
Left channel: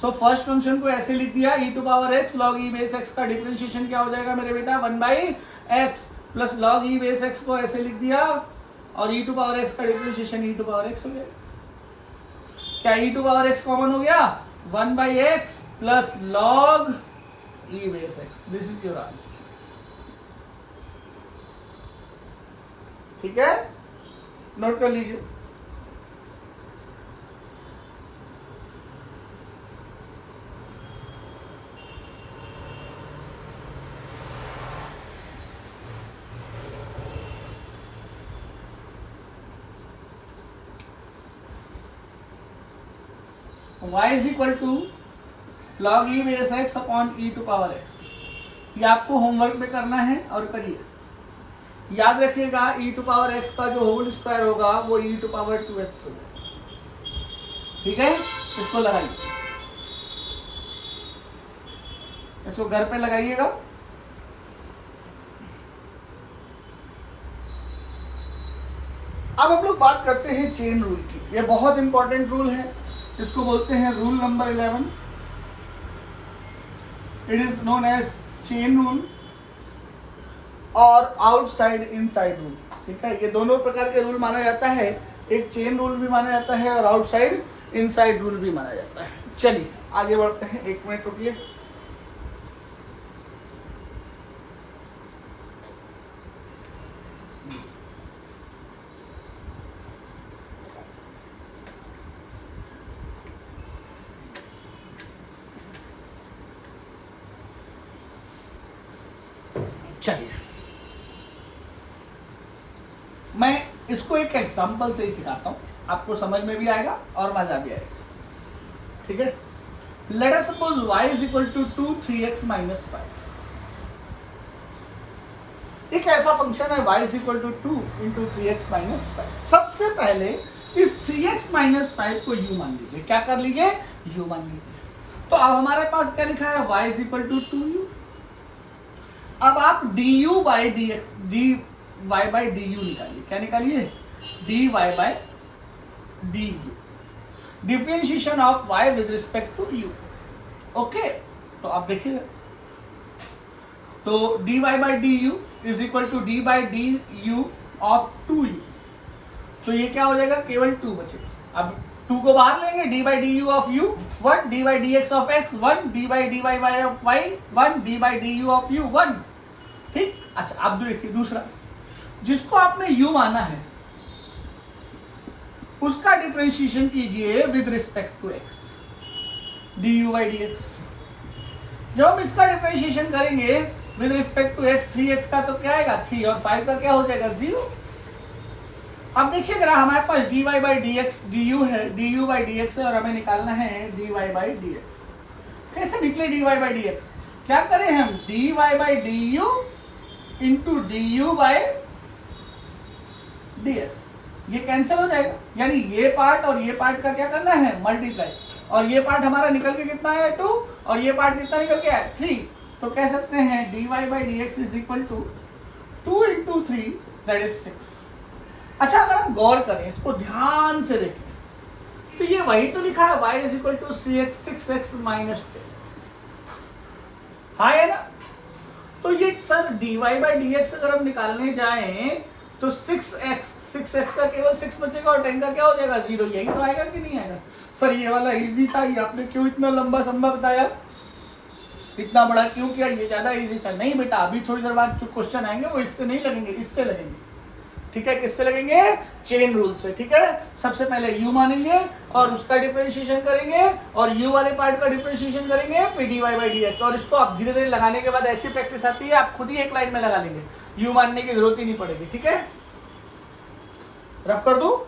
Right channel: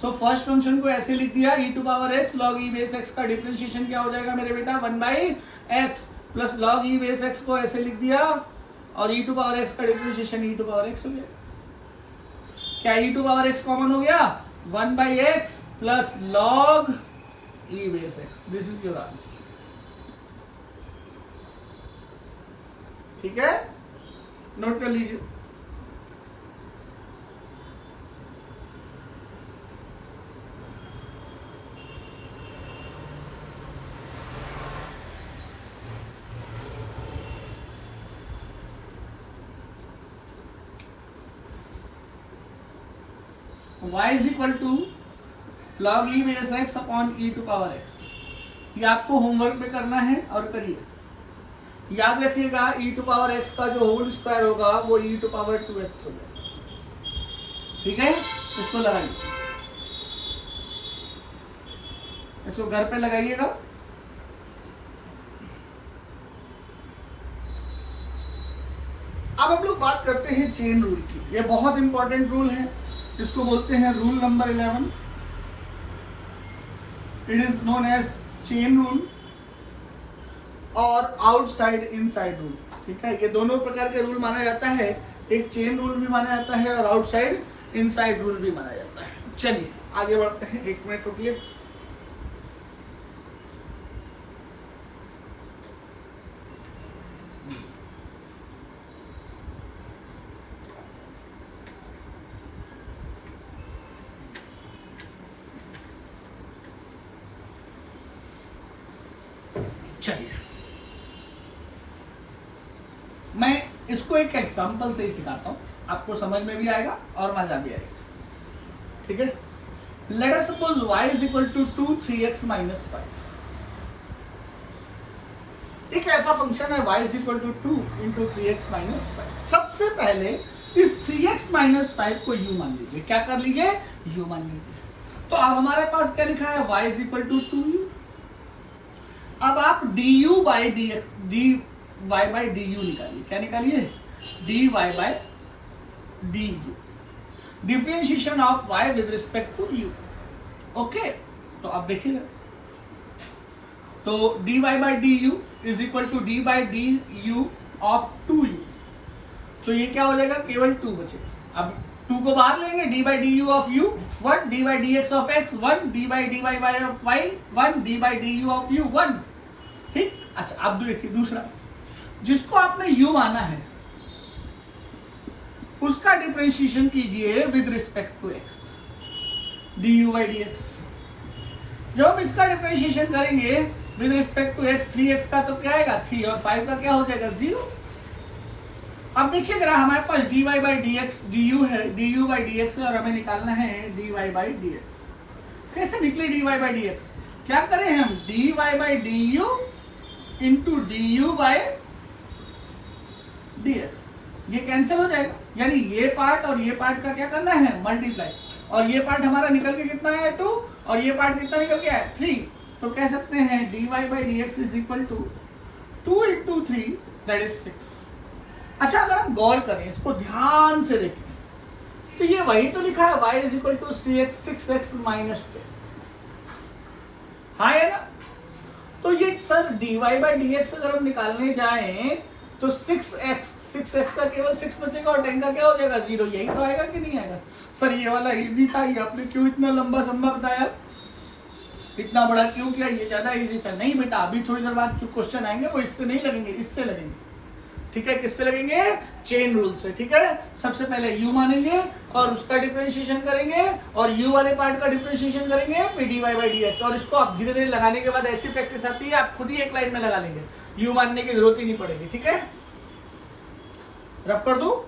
So first function को ऐसे लिख दिया, e to power x log e base x का differentiation क्या हो जाएगा मेरे बेटा 1 by x plus log e base x को ऐसे लिख दिया, और e टू पावर x का differentiation e to power x हो गया। क्या e to power x common हो गया? 1 by x plus log e base x। This is your answer, ठीक है। नोट कर लीजिए। y is equal to log e base x upon e to power x। ये आपको होमवर्क में करना है और करिए। याद रखिएगा e टू पावर x का जो होल स्क्वायर होगा वो e टू पावर 2x होगा। ठीक है, इसको लगाइए, इसको घर पे लगाइएगा। अब हम लोग बात करते हैं चेन रूल की। ये बहुत इंपॉर्टेंट रूल है, इसको बोलते हैं rule number 11। It is known as chain rule और आउटसाइड इनसाइड रूल। ठीक है, ये दोनों प्रकार के रूल माना जाता है। एक चेन रूल भी माना जाता है और आउटसाइड इनसाइड रूल भी माना जाता है। चलिए आगे बढ़ते हैं, 1 मिनट रुकिए। चलिए मैं इसको एक एग्जांपल से ही सिखाता हूं, आपको समझ में भी आएगा और मजा भी आएगा। ठीक है, let us suppose y is equal to 2 3x minus 5। एक ऐसा फंक्शन है y is equal to 2 into 3x minus 5। सबसे पहले इस 3x माइनस 5 को u मान लीजिए। क्या कर लीजिए? u मान लीजिए। तो अब हमारे पास क्या लिखा है? y is equal to 2u। अब आप du by dx dy by du निकालिए। क्या निकालिए? dy by du, differentiation of y with respect to u। Okay, तो आप देखिए, तो dy by du is equal to d by du of 2u। तो ये क्या हो जाएगा? केवल 2 बचे। अब 2 को बाहर लेंगे, d by du of u 1, d by dx of x 1, d by dy by of y 1, d by du of u 1। ठीक, अच्छा अब देखिए दूसरा, जिसको आपने u माना है उसका डिफरेंशिएशन कीजिए with respect to x, du by dx। जब हम इसका डिफरेंशिएशन करेंगे with respect to x, 3x का तो क्या आएगा 3 और 5 का क्या हो जाएगा 0। अब देखिए जरा, हमारे पास dy बाई dx du है, du बाई dx है और हमें निकालना है dy बाई dx। कैसे निकले dy बाई dx? क्या करें हम? dy by du into du by dx। ये कैंसिल हो जाएगा, यानी ये पार्ट और ये पार्ट का क्या करना है? मल्टीप्लाई। और ये पार्ट हमारा निकल के कितना है? 2, और ये पार्ट कितना निकल के आया? 3। तो कह सकते हैं dy by dx is equal to 2 into 3 that is 6। अच्छा, अगर हम गौर करें, इसको ध्यान से देखें, तो ये वही तो लिखा है y is equal to 6x minus 10। हाँ है ना? तो ये सर dy बाई dx अगर हम निकालने जाएं तो 6x का केवल 6 बचेगा और 10 का क्या हो जाएगा 0। यही तो आएगा कि नहीं आएगा? सर ये वाला इजी था, ये आपने क्यों इतना लंबा संभा बताया, इतना बड़ा क्यों किया? ये ज्यादा इजी था। नहीं बेटा, अभी थोड़ी देर बाद जो क्वेश्चन आएंगे वो इससे नहीं लगेंगे, इससे लगेंगे। ठीक है, किससे लगेंगे? चेन रूल से। ठीक है, सबसे पहले u मानेंगे और उसका डिफरेंशिएशन करेंगे और u वाले पार्ट का डिफरेंशिएशन करेंगे, फिर dy बाई dx। और इसको आप धीरे धीरे लगाने के बाद ऐसी प्रैक्टिस आती है, आप खुद ही एक लाइन में लगा लेंगे, u मानने की जरूरत ही नहीं पड़ेगी। ठीक है, रफ कर दो,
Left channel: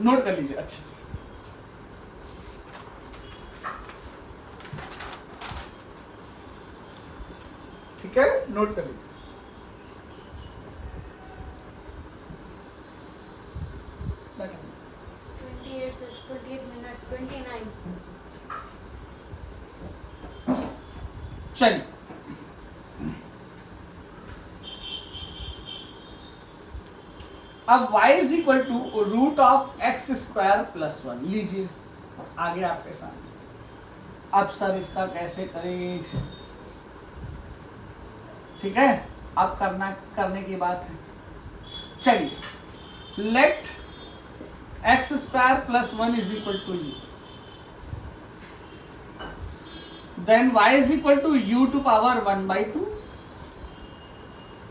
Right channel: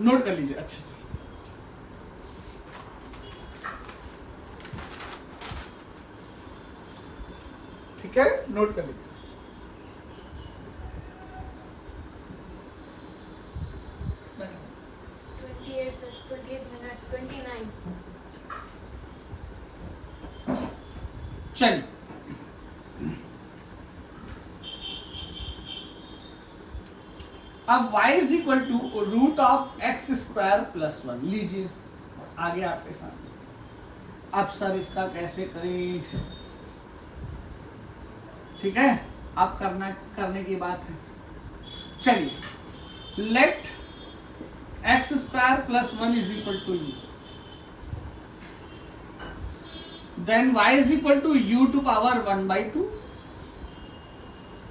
नोट कर लीजिए अच्छे से। ठीक है, नोट कर लीजिए। चलिए, अब y is equal to root of x square plus 1 लीजिए, आगे आपके सामने। अब सर इसका कैसे करें? ठीक है, अब करने की बात है। चलिए, let x square plus 1 is equal to u, then y is equal to u to power 1 by 2.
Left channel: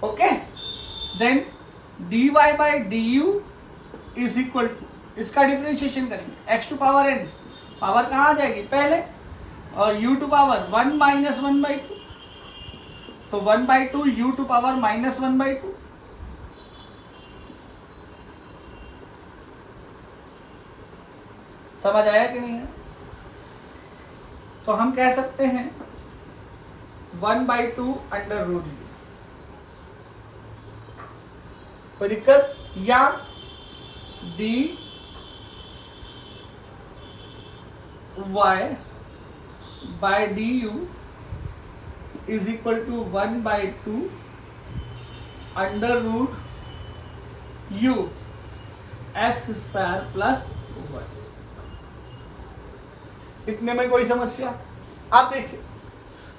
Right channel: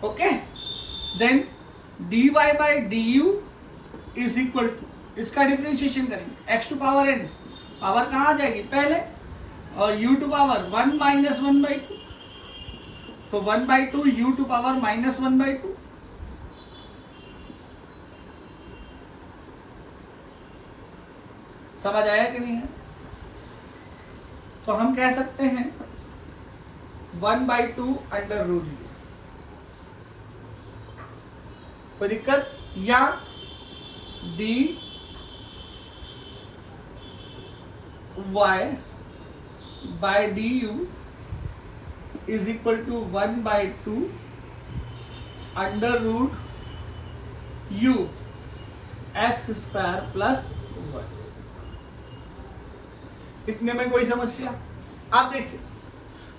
Okay, then dy by du is equal to, इसका डिफरेंशिएशन करेंगे x to power n, power कहाँ आ जाएगी पहले, और u to power 1 minus 1 by 2, तो 1 by 2 u to power minus 1 by 2। समझ आया कि नहीं है? तो हम कह सकते हैं 1/2 अंडर रूट u। कोई दिक्कत? या dy by du is equal to 1/2 under root u x square plus 1। इतने में कोई समस्या? आप देखिए,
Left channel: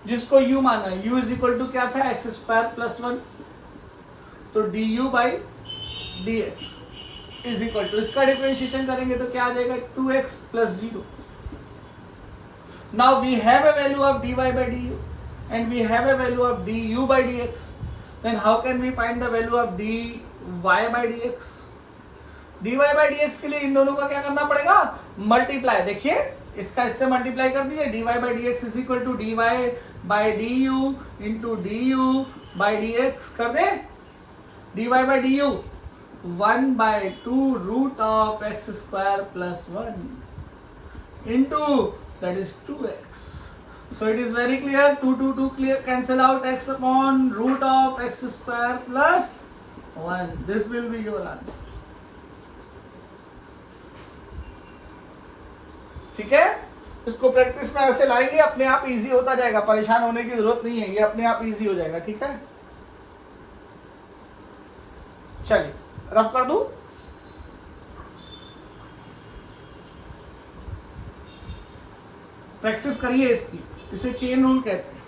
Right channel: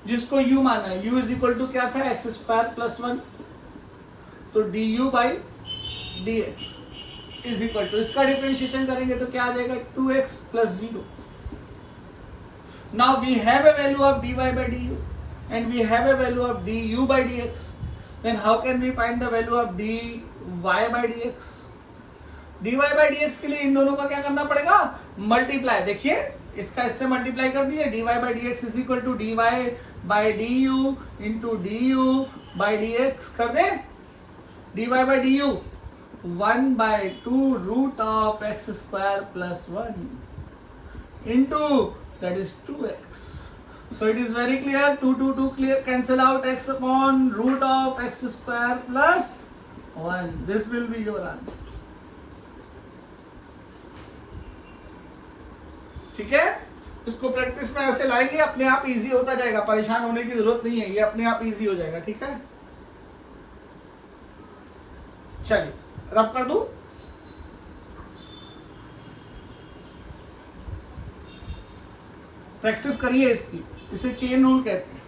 जिसको u माना है, u इज इक्वल टू क्या था, एक्स स्क्वायर प्लस 1, तो du by dx is equal to, इसका डिफरेंशिएशन करेंगे तो क्या आ जाएगा, 2x plus 0। Now we have a value of dy by du and we have a value of du by dx. Then how can we find the value of dy by dx? dy by dx के लिए इन दोनों का क्या करना पड़ेगा, multiply. देखिए इसका इससे मल्टीप्लाई कर दीजिए, dy by dx is equal to dy by du into du by dx कर दे। dy by du 1/2 root of x square plus 1 into that is 2x. So it is very clear, 2 clear, cancel out x upon root of x square plus 1. This will be your answer. ठीक है, इसको practice में ऐसे लाएंगे, अपने आप easy होता जाएगा, परेशान होने की जरूरत नहीं है, ये अपने आप इजी हो जाएगा। ठीक है, चलिए रफ कर दूं। प्रैक्टिस करिए इसकी, इसे चेन रूल कहते हैं।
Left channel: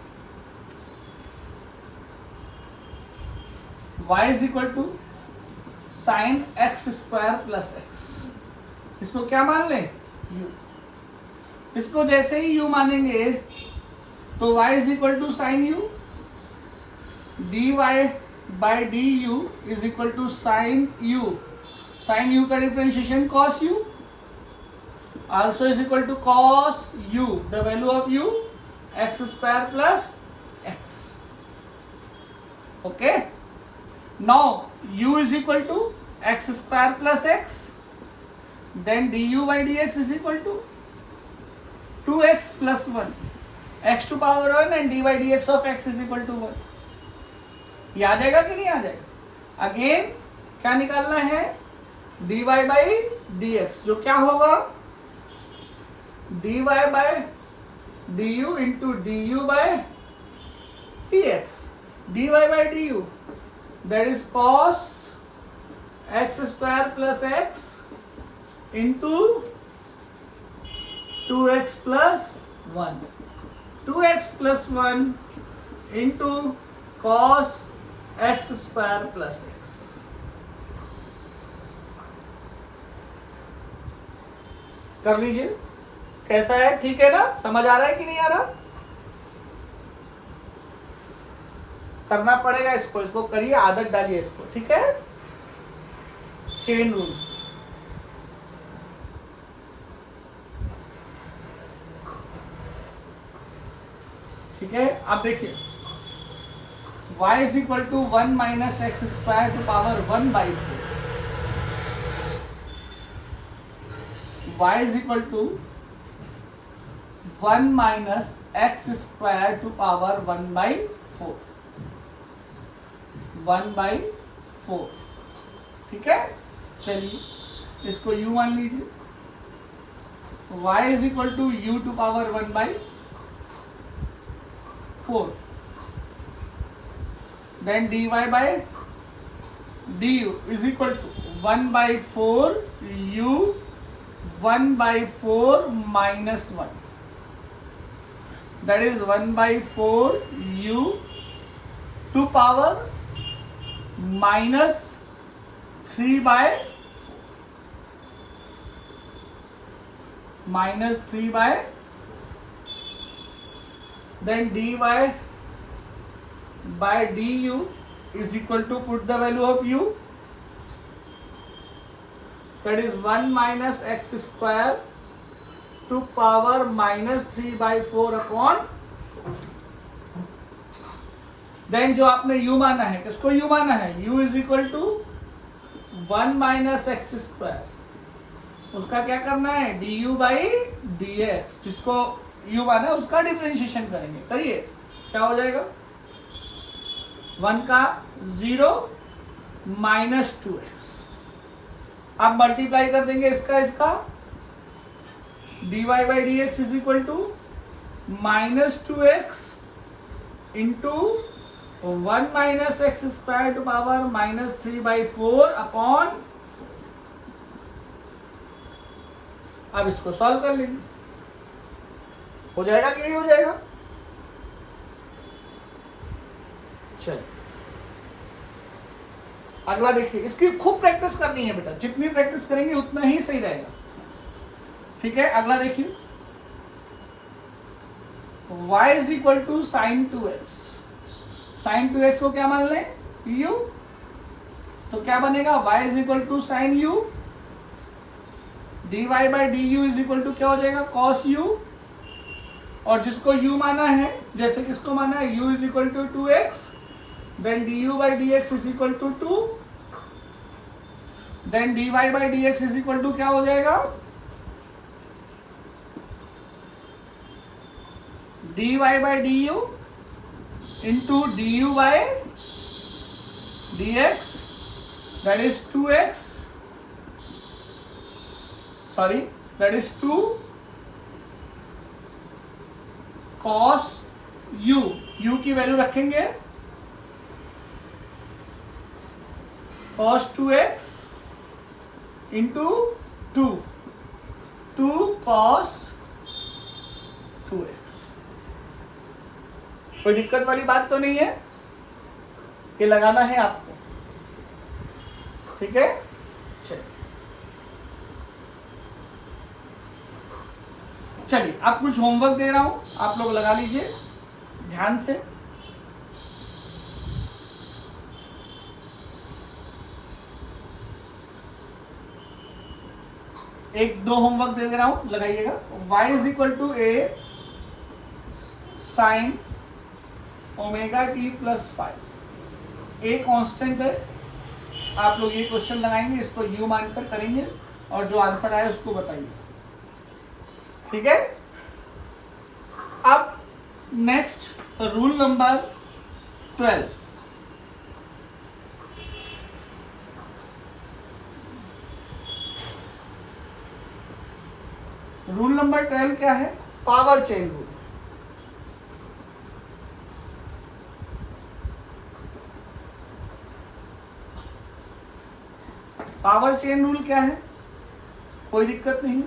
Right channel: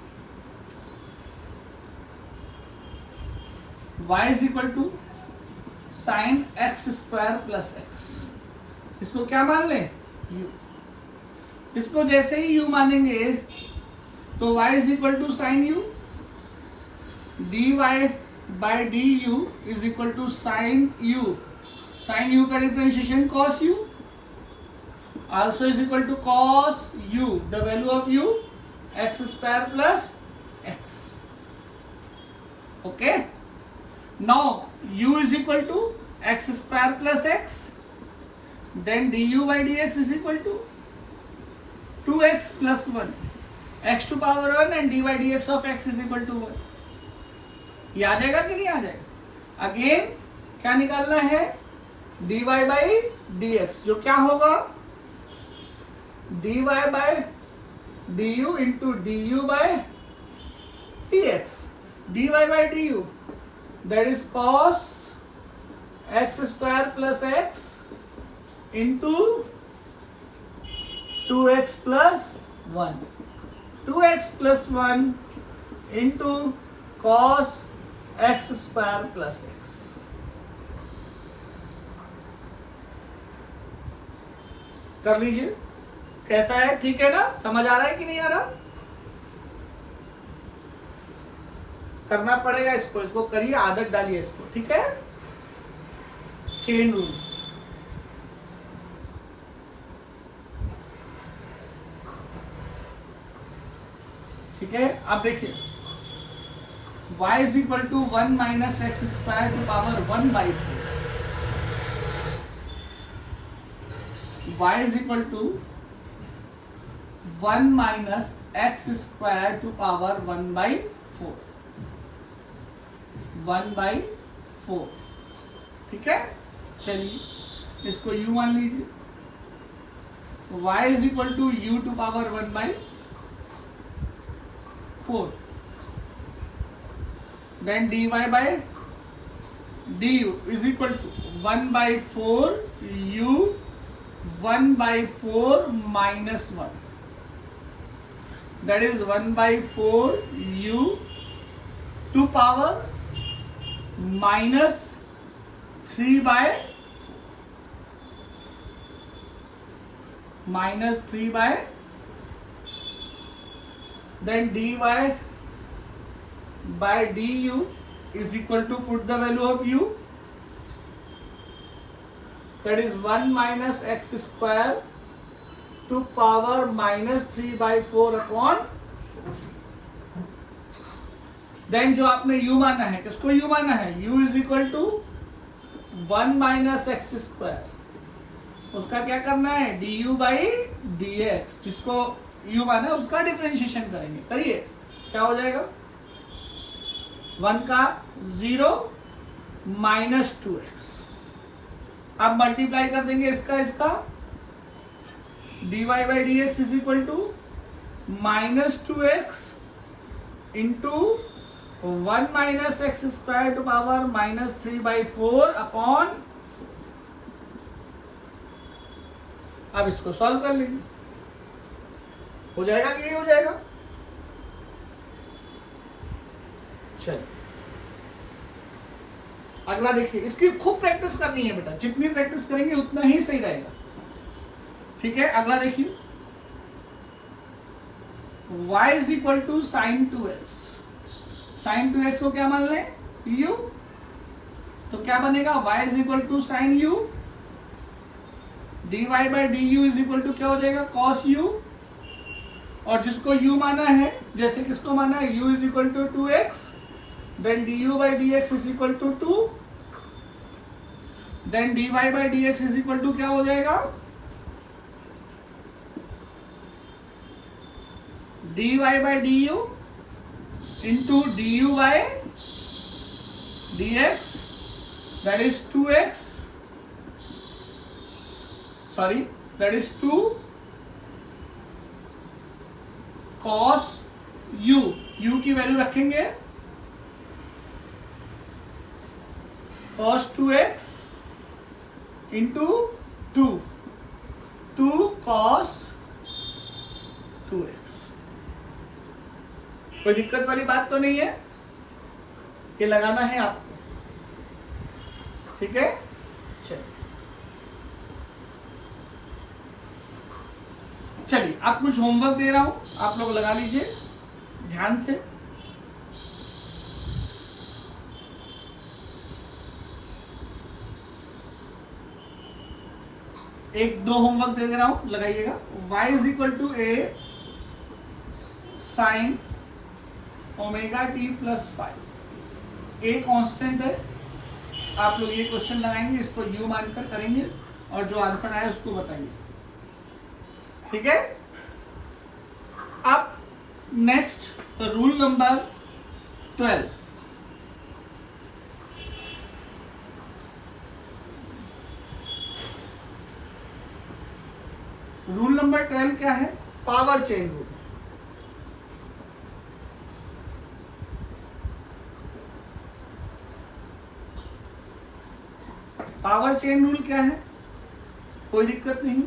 y is equal to sine x square plus x, इसको क्या मान लें, u। इसको जैसे ही u मानेंगे तो y is equal to sine u, dy by du is equal to sine u। Sine u का differentiation cos u also is equal to cos u, the value of u x square plus x. Okay, now u is equal to x square plus x, then du by dx is equal to 2x plus 1, x to power 1 and d by dx of x is equal to 1। ये आ जाएगा कि नहीं आ जाएगा? Again क्या निकालना है, dy by dx, जो क्या होगा, dy by du into du by dx, dy by du that is cos x square plus x into 2x plus 1, 2x plus 1 into cos x square plus x। कर लीजिए, कैसा है, ठीक है ना, समझ आ रहा है कि नहीं आ रहा? करना पड़ेगा इसको, इसको करिए, आदत डालिए इसको। ठीक है, चेन रूल। ठीक है, अब देखिए y is equal to 1 minus x square to power 1/4, y is equal to 1 minus x square to power 1/4, 1/4। ठीक है, चलिए इसको u मान लीजिए, y is equal to u to power 1/4, then dy by du is equal to 1/4 u 1/4 minus 1, that is 1/4 u to power minus 3/4, minus 3/4, then dy by du is equal to, put the value of u, that is 1 minus x square to power minus 3/4 upon 4। Then जो आपने u माना है, किसको u माना है, u is equal to 1 minus x square उसका क्या करना है, d u by D x, जिसको यू माना है उसका डिफ्रेंशिएशन करेंगे। करिए, क्या हो जाएगा, 1 का 0 माइनस 2x, अब मल्टीप्लाई कर देंगे इसका, dy by D x is equal to -2x into 1 minus x square to power -3/4 upon 4। अब इसको सॉल्व कर लेंगे, हो जाएगा कि नहीं हो जाएगा। चलो अगला देखिए, इसकी खूब प्रैक्टिस करनी है बेटा, जितनी प्रैक्टिस करेंगे उतना ही सही रहेगा। ठीक है, अगला देखिए, y is equal to sine 2x, sine 2x को क्या मान लें, u, तो क्या बनेगा, y is equal to sine u, dy by d u is equal to क्या हो जाएगा, cos u, और जिसको u माना है, जैसे किसको माना है, u is equal to 2x, then du by D x is equal to 2, then dy by D x is equal to क्या हो जाएगा, dy by d u into du by D x, that is 2x, sorry that is 2 cos u, u की value रखेंगे cos 2x into 2 cos 2x। कोई दिक्कत वाली बात तो नहीं है कि लगाना है आपको, ठीक है। चलिए आप कुछ होमवर्क दे रहा हूं, आप लोग लगा लीजिए ध्यान से। एक दो होमवर्क दे रहा हूं, लगाइएगा। y is equal to a sine omega t plus 5, a constant है। आप लोग ये क्वेश्चन लगाएंगे, इसको u मानकर करेंगे और जो आंसर आए उसको बताइए, ठीक है। अब next rule number 12, rule number 12 क्या है, power chain rule. Power chain rule क्या है, कोई दिक्कत नहीं।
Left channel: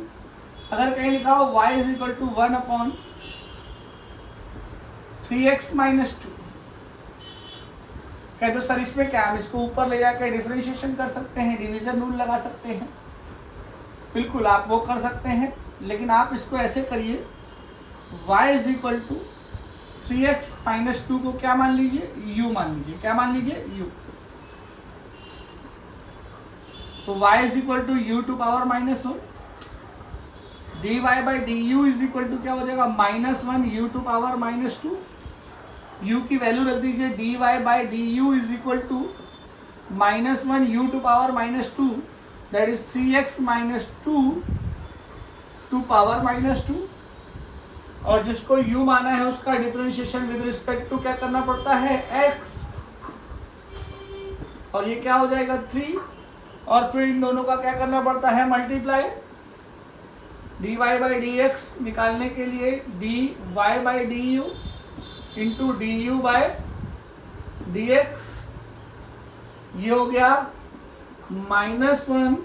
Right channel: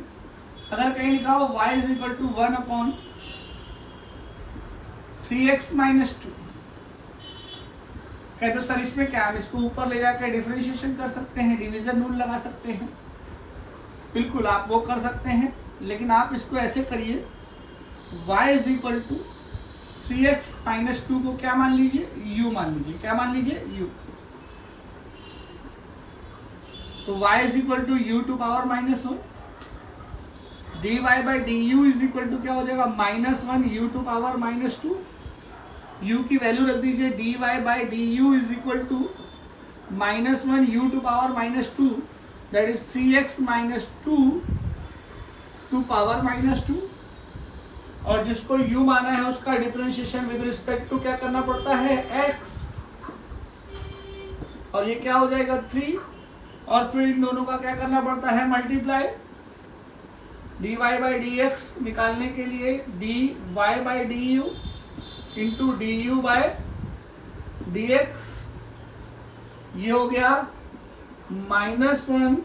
अगर कहीं लिखा हो y is equal to 1 upon 3x minus 2, कहते तो सर इसमें क्या, हम इसको ऊपर ले जाकर डिफरेंशिएशन कर सकते हैं, डिवीजन रूल लगा सकते हैं। बिल्कुल आप वो कर सकते हैं, लेकिन आप इसको ऐसे करिए, y is equal to 3x minus 2 को क्या मान लीजिए, u मान लीजिए। क्या मान लीजिए, u। तो y is equal to u to power minus 1, dy by d u is equal to क्या हो जाएगा, -1 u टू पावर -2। u की वैल्यू रख दीजिए, dy by d u is equal to -1 u to power -2, that is 3x minus 2 to power -2। और जिसको u माना है उसका डिफरेंशिएशन विद रिस्पेक्ट टू क्या करना पड़ता है, x, और ये क्या हो जाएगा 3, और फिर इन दोनों का क्या करना पड़ता है, multiply. dy by D x निकालने के लिए dy by d u into D u by D x, ये हो गया -1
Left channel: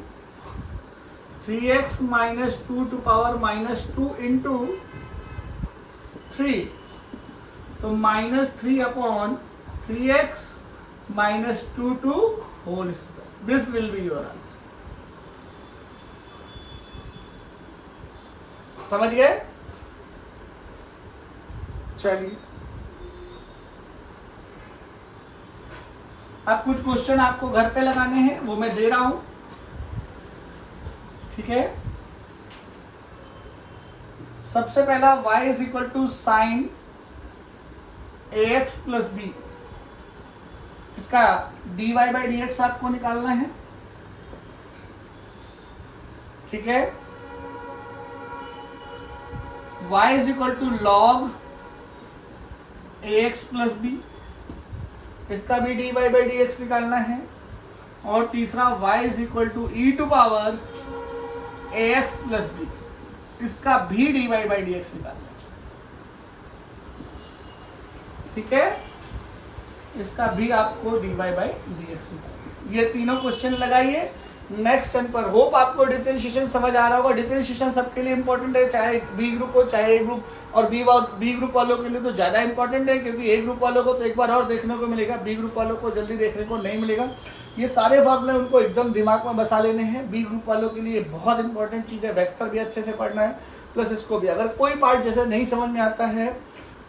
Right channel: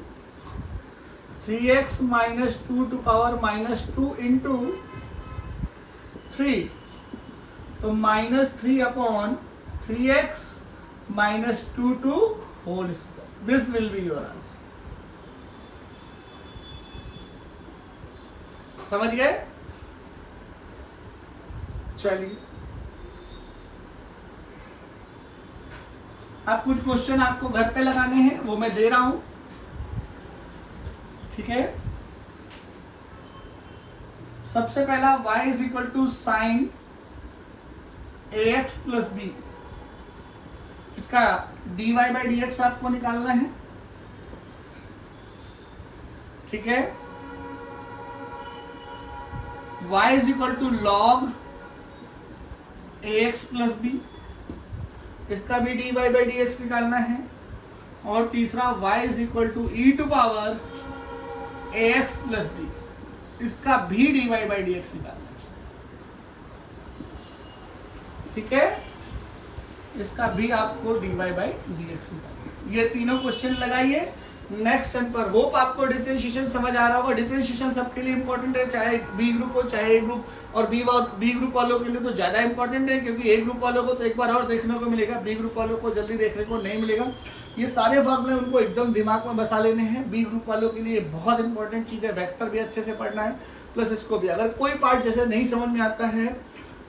3x minus 2 to power -2 into 3, तो -3 upon 3x minus 2 to whole square. This will be your answer. समझ गए? चलिए अब कुछ क्वेश्चन आपको घर पे लगाने हैं, वो मैं दे रहा हूं, ठीक है। सबसे पहला y is equal to sine ax plus b, इसका dy बाई डी एक्स आपको निकालना है, ठीक है। y is equal to log ax plus b, इसका भी dy बाई dx निकालना है। और तीसरा y is equal to e to power ax plus b, इसका भी dy बाई dx निकालना है। ठीक है, इसका भी आपको dy बाई dx निकालना है। ये तीनों क्वेश्चन लगाइए नेक्स्ट टर्न पर। होप आपको डिफरेंशिएशन समझ आ रहा होगा। डिफरेंशिएशन सबके लिए इंपॉर्टेंट है, चाहे बी ग्रुप हो चाहे ए ग्रुप, और बी ग्रुप वालों के लिए तो ज्यादा इंपॉर्टेंट है, क्योंकि ए ग्रुप वालों को तो एक बार और देखने को मिलेगा, बी ग्रुप वालों को जल्दी देखने को नहीं मिलेगा। ये सारे फॉर्मूले उनको एकदम दिमाग में बसा लेने हैं। बी ग्रुप वालों के लिए बहुत इंपॉर्टेंट चीज है, वेक्टर भी अच्छे से पढ़ना है, प्लस इसको भी अगर कोई पार्ट जैसे नहीं समझ में आता है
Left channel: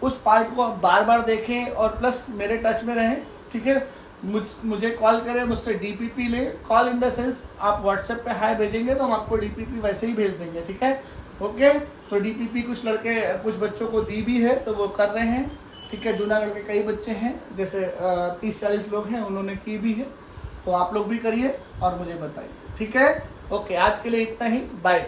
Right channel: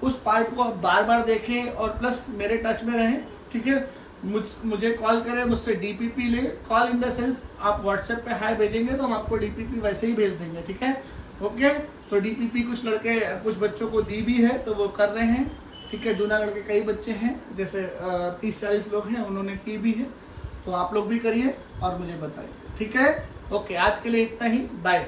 उस पार्ट को आप बार बार देखें, और प्लस मेरे टच में रहें। ठीक है, मुझे कॉल करें, मुझसे डीपीपी ले। कॉल इन द सेंस आप व्हाट्सएप पे हाई भेजेंगे तो हम आपको डीपीपी वैसे ही भेज देंगे। ठीक है, ओके। तो डीपीपी कुछ लड़के कुछ बच्चों को दी भी है तो वो कर रहे हैं। ठीक है, जूनागढ़ के कई बच्चे हैं, जैसे 30-40 लोग हैं, उन्होंने की भी है। तो आप लोग भी करिए और मुझे बताइए। ठीक है, ओके। आज के लिए इतना ही, बाय।